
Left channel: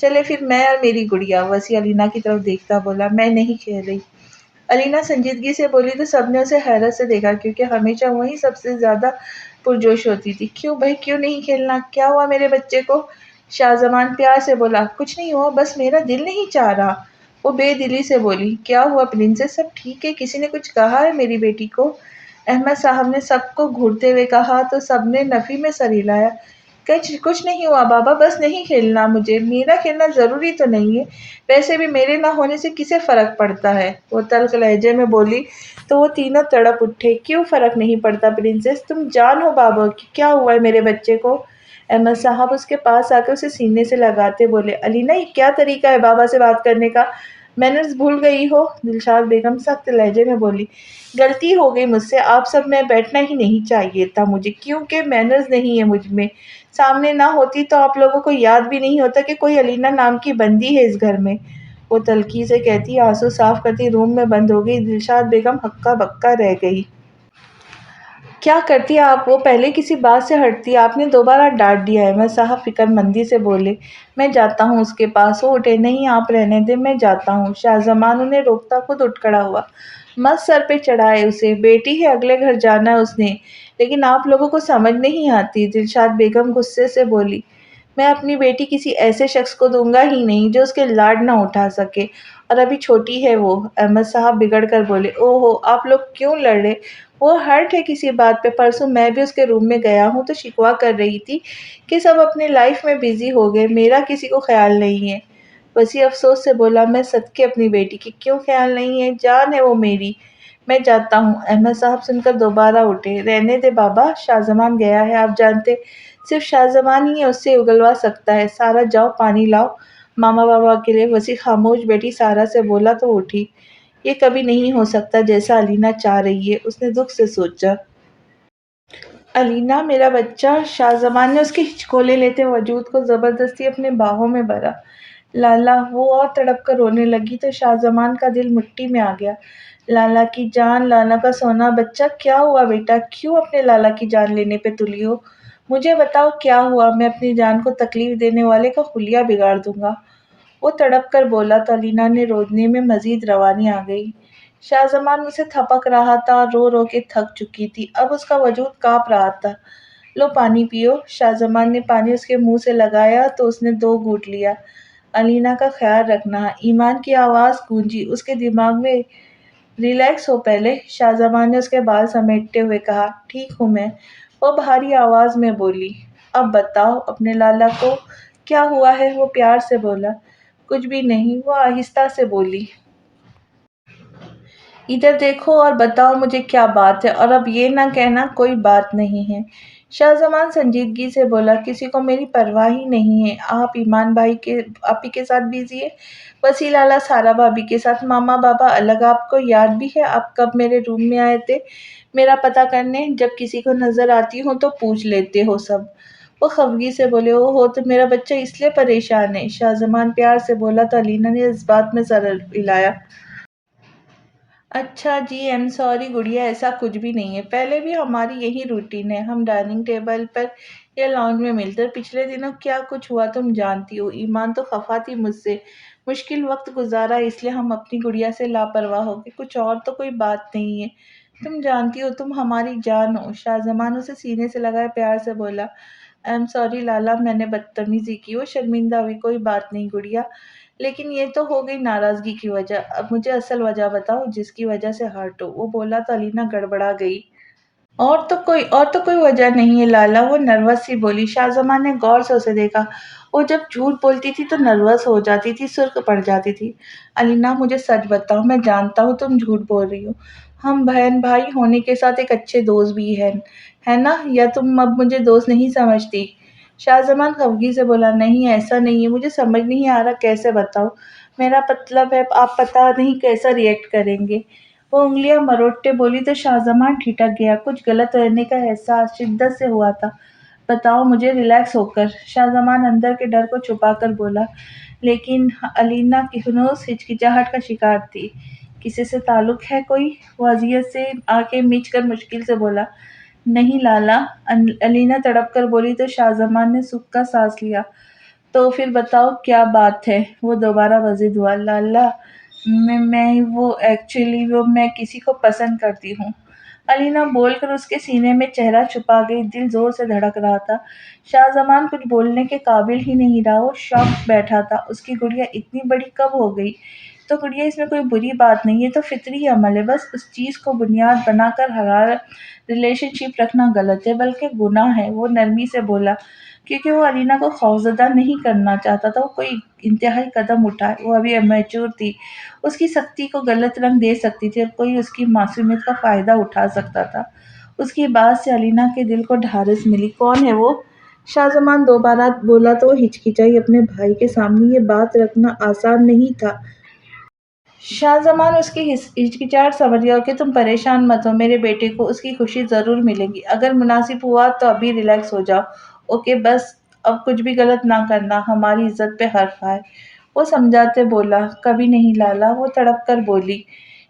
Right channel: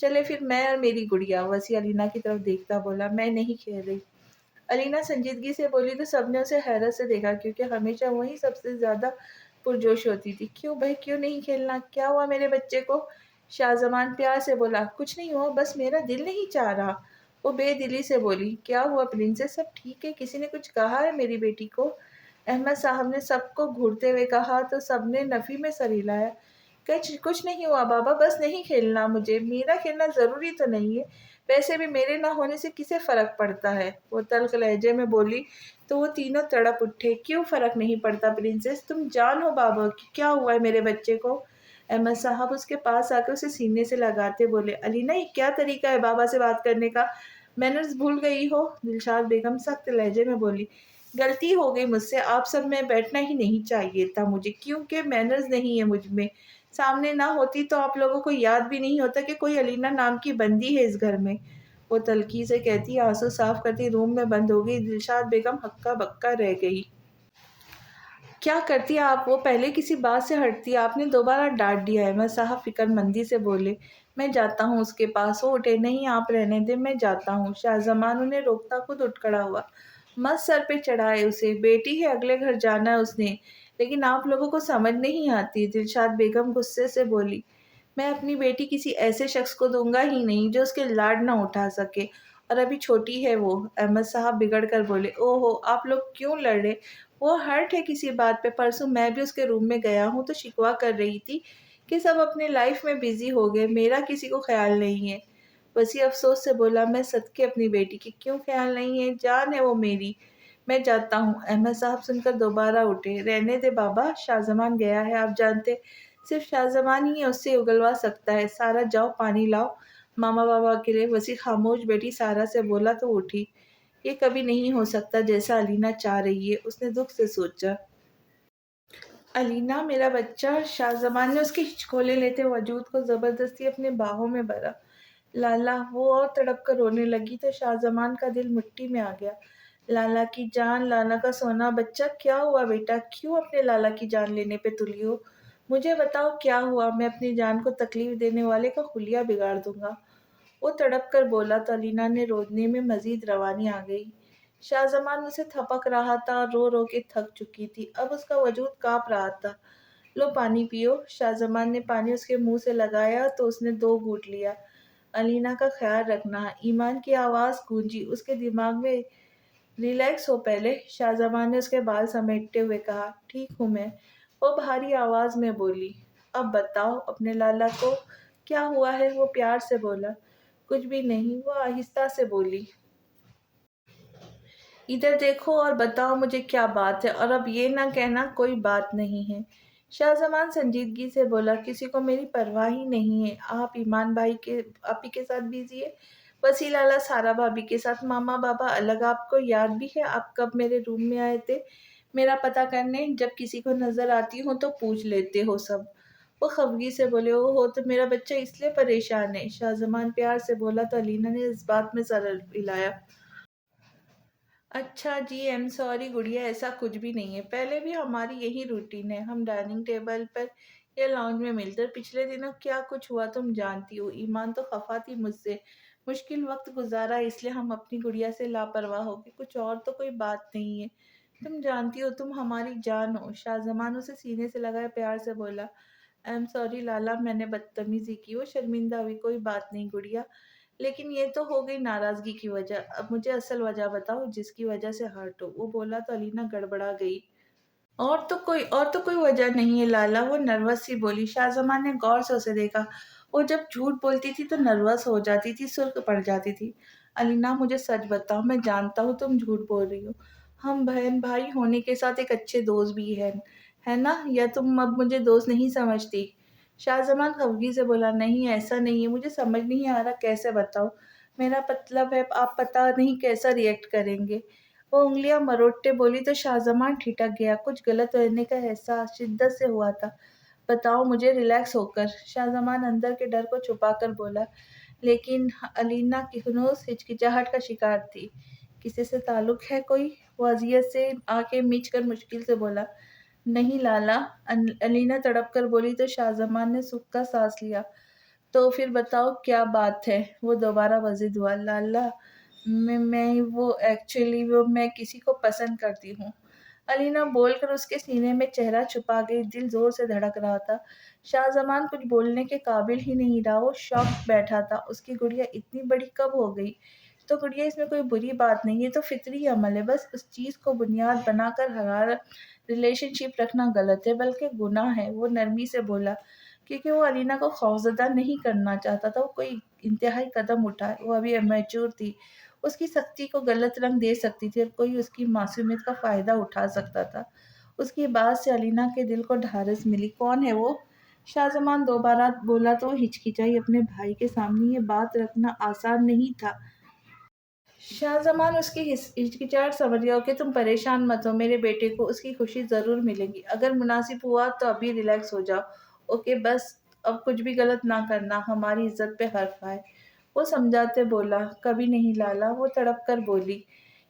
چلے پھر میں اور میری گڑیا۔ وسیع علینا کی طرف دیکھتا بولا، میں نہیں کھیل رہی۔ علینا سنجیدگی سے بولی تو سب نے اسے حیرت سے دیکھا، کیونکہ ہمیشہ وہی سب سے زیادہ پرجوش ہوتی تھی۔ کیوں بھائی، کیوں نہیں کھیلنا؟ کیا ہوا میرے بچے کو؟ شاہ زمان پیار سے بولا، کچھ نہیں ہوا، بس میرا دل نہیں چاہ رہا۔ وہ بے دلی سے بولی، کیا ہوا پرنسس، سب ٹھیک ہے؟ کسی نے کچھ کہا ہے میری بیٹی کو؟ احمد صاحب نے سب کو گھورتے ہوئے کہا تو سب نے نفی میں سر ہلایا۔ کچھ نہیں ہوا بابا، بس نہیں کھیلنا مجھے، میرا کھیلنا ضروری تو نہیں ہے، ویسے بھی میرے نہ ہونے سے کسے فرق پڑتا ہے؟ وہ تلخ لہجے میں بولی تو وہ تینوں تڑپ اٹھے۔ کیوں فرق نہیں پڑتا پرنسس، تم جان ہو بابا کی، کیا ہوا ہے میرے بچے کو؟ احمد صاحب اس کے پاس آ کر اسے سینے سے لگاتے بولے، علینا یہ کیا طریقہ ہے بابا سے بات کرنے کا، مینرز بھول گئی ہو؟ دلشاد بیگم سخت لہجے میں بولی، غلطی ہو گئی مجھ سے، آپ سب میں بیٹھنا ہی نہیں چاہیے تھا مجھے، کیونکہ مینرز نہیں ہے مجھ میں، سامنے نہ ہوتی تو آپ لوگوں کو یاد بھی نہیں ہوتا کہ کوئی علینا نام کی بندی ہے اس گھر میں۔ وہ تلخی سے کہتی آنسو صاف کرتی روم میں بند ہو گئی۔ دلشاد بیگم ہکا بکا رہ گئی۔ کیا کرتی آپ؟ وہ پہلے کسی بات سے ہٹتی، آپ نے دوبارہ ڈانٹ دیا ہے۔ میں صاحب فکر مندی سے بولے۔ میں جاتا ہوں اس کے پاس۔ وہ اٹھے۔ نہیں آپ رہنے دیں، میں جاتا ہوں۔ شاہ زمان انہیں روکتا خود اٹھ کھڑا ہوا۔ مت سر پہ چڑھائے اسے، بیٹی ہے، اگلے گھر جانا ہے اس نے۔ لیکن آپ لوگوں کو سمجھ نہیں آتی، دلشاد بیگم غصے سے بولی۔ میں اپنی بیٹی کسی ایسے شخص کو دوں گا ہی نہیں جو اس کے لاڈ نہ اٹھا سکے، اور ابھی چھوٹی ہے وہ۔ احمد صاحب بگڑ کر بولے۔ او ہو، آپ لوگ کیوں لڑ رہے؟ وہ ہرٹ ہے کسی بات پہ۔ پرسوں میں بھی اس کے روم میں گیا ہوں تو شکوہ کر رہی تھی کہ سب اپنی لائف میں بیزی ہو گئے، میرا کسی کو خیال نہیں ہے۔ وسیع افسوس سے بولا۔ میں صدقے اپنی بیٹی کی، کیوں خیال نہیں ہے؟ جان ہے وہ میری۔ میں جاتا ہوں۔ احمد صاحب سن کر دوبارہ اٹھے۔ رہنے دے بابا، شاہ زمان گیا ہے، آپ جانتے، صرف شاہ زمان ہی اس سے اگلوا سکتا ہے۔ سارا جاؤ پانی لاؤ ماما بابا کے لیے۔ وسیع خاموش بیٹی سارا سے بولا تو اٹھی۔ یہ کبھی نہیں ہو سکتا جیسا علینا چاہ رہی ہے، اس نے دکھ سے سوچا۔ علینا میرا بچہ۔ شاہ زمان نے اس کے ہچکولے لیتے وجود کو زبردستی اپنے باہوں میں بھرا۔ لالا، وہ اور تڑپ کر رونے لگی تو شاہ زمان کا دل مٹھی میں آ گیا۔ لالا کی جان، لالا کا سونا بچہ، کیا ہوا بیٹا؟ کیوں اپنے لالا کی جان لینے پہ تلی ہو؟ مجھے بتاؤ کیا ہوا؟ میں اپنی جان کو تکلیف دینے والے کا حلیہ بگاڑ دوں گا۔ وہ تڑپ کر بولا تو علینا نے رونے میں مزید روانی آ گئی۔ شاہ زمان اسے تھپک رہا تھا اور رو رو کے تھک چکی تھی، اب اس کا وجود کانپ رہا تھا۔ لو پانی پیو۔ شاہ زمان نے پانی اس کے منہ سے لگایا تو اس نے 2 گھونٹ لیا۔ علینا کا خیال رکھنا۔ ایمان کی آواز گونجی اس کے دماغ میں۔ ریلیکس ہو پہلے، شاہ زمان نے اس کے بال سمیٹتے ہوئے کہا۔ ٹھیک ہوں میں، وہ بھاری آواز میں بولی۔ اب بتاؤ اپنے لالا کو کیا ہوا ہے؟ وہ پیار سے بولا۔ کچھ بھی نہیں، وہ آہستہ سے بولی۔ ادھر دیکھو اور بتاؤ مجھے کیا بات ہے، اور اب یہ نہ کہنا کوئی بات نہیں ہے۔ شاہ زمان سنجیدگی سے بولا۔ کسی کو میری پرواہ ہی نہیں ہے۔ آپ ایمان بھائی کے آپی کے ساتھ بزی ہے، وسیع لالا سارا بھابھی کے ساتھ، ماما بابا الگ۔ آپ کو یاد بھی ہے آپ کب میرے روم میں آئے تھے میرا پتہ کرنے؟ جب کسی کو نظر آتی ہوں تو پوچھ لیتے ہو سب۔ وہ خفگی سے بولے۔ او ہو، تو میرا بچہ اس لیے پریشان ہے؟ شاہ زمان پیار سے بولا تو علینا نے اس بات میں سر ہلایا۔ اچھا جی، ایم سوری گڑیا، ایسا کچھ بھی نہیں ہے۔ پہلے بھی ہماری یہی روٹین ہے، ہم ڈائننگ ٹیبل پر یا لاؤنج میں ملتے، اور پچھلے دنوں کیا کچھ ہوا تم جانتی ہو۔ ایمان تو خفا تھی مجھ سے، مشکل وقت گزارا اس لیے ہم اپنی گڑیا سے لاپرواہ ہو گئے، کچھ اور تو کوئی بات نہیں ہے۔ تم جانتی ہو تم ہماری جان ہو۔ شاہ زمان اسے سینے سے لگائے پیار سے بولا۔ ایم سوری لالا، میں نے بدتمیزی کی، وہ شرمندہ ہوئی۔ کوئی بات نہیں گڑیا، لیکن یہ تو ہو گئی ناراضگی کی وجہ، اب مجھے اصل وجہ بتاؤ جس کی وجہ سے ہرٹ ہو۔ وہ بولا تو علینا گڑبڑا گئی۔ اور تو کوئی وجہ نہیں ہے لالا، وہ نروس سی بولی۔ شاہ زمان نے غور سے اسے دیکھا۔ وہ جب جھوٹ بولتی تھی تو نروس ہو جاتی تھی، سرخ پڑ جاتی تھی۔ علینا مجھے سچ بتاؤ، میں جانتا ہوں تم جھوٹ بول رہی ہو، ہم بہن بھائی ہونے کے ساتھ ایک اچھے دوست بھی ہیں، ہے نا؟ یا تم اب مجھے دوست نہیں سمجھتی؟ شاہ زمان خفگی سے بولا۔ نہیں ایسا نہیں ہے، مجھے سمجھ نہیں آ رہا کیسے بتاؤ، میرا مطلب ہے آپ پتہ نہیں کیسا ریئیکٹ کریں گے۔ وہ انگلیاں مروڑتے بولی تو شاہ زمان ٹھٹک گیا، کچھ غلط رہنے کا احساس شدت سے ہوا تھا۔ بتاؤ مجھے، ریلیکس ہو کر۔ شاہ زمان اندر کے ڈر کو چھپا کر بولا۔ لیکن علینا کی ہنوز ہچکچاہٹ کا شکار تھی۔ کسی سے تعلق ہے کوئی؟ وہ اذیت سے آنکھیں میچ کر مشکل سے بولا۔ نہیں لالا، علینا تڑپ کر بولی تو شاہ زمان نے سکھ کا سانس لیا۔ تو پھر بتاؤ کیا بات ہے؟ وہ دوبارہ وضد ہوا۔ لالا، میں کسی کو پسند کرتی ہوں۔ علینا بول کر اس کے سینے میں چہرہ چھپا گئی، دل زور سے دھڑک رہا تھا۔ شاہ زمان کچھ بولنے کے قابل ہی نہیں رہا، وہ شاک بیٹھا تھا۔ اس کی گڑیا اتنی بڑی کب ہو گئی؟ تو گڑیا اس میں کوئی بری بات نہیں ہے، تو فطری عمل ہے، بس اس چیز کو بنیاد بنا کر حرارت ریلیشن شپ رکھنا غلط ہے، بلکہ گناہ ہے۔ وہ نرمی سے بولا، کیونکہ وہ علینا کو خوفزدہ نہیں کرنا چاہتا تھا، وہ کوئی انتہائی قدم اٹھائے، وہ ابھی امیچور تھی، اس کی سختی کو غلط رنگ دے سکتی تھی اور کوئی اس کی معصومیت کا فائدہ اٹھا سکتا تھا۔ اس کی بات سے علینا کے دل کو ڈھارس ملی۔ کون ہے وہ؟ شاہ زمان دوبارہ بولا تو وہ ہچکچائی۔ اپنے بھائی کے سامنے یہ بات رکھنا آسان نہیں تھا۔ شاہ زمان اس کی ہچکچاہٹ سمجھ گیا۔ کہ تم پریشان مت ہو، میرے بیٹے کو اس کی خوشی ضرور ملے گی، اگر مناسب ہوا تو ابھی ریلیکس ہو جاؤ، اوکے؟ بس اب کچھ بھی غلط نہ کرنا، ہماری عزت پہ حرف آئے۔ وہ سمجھاتے بولا۔ کبھی نہیں لالا، وہ تڑپ کر بولی۔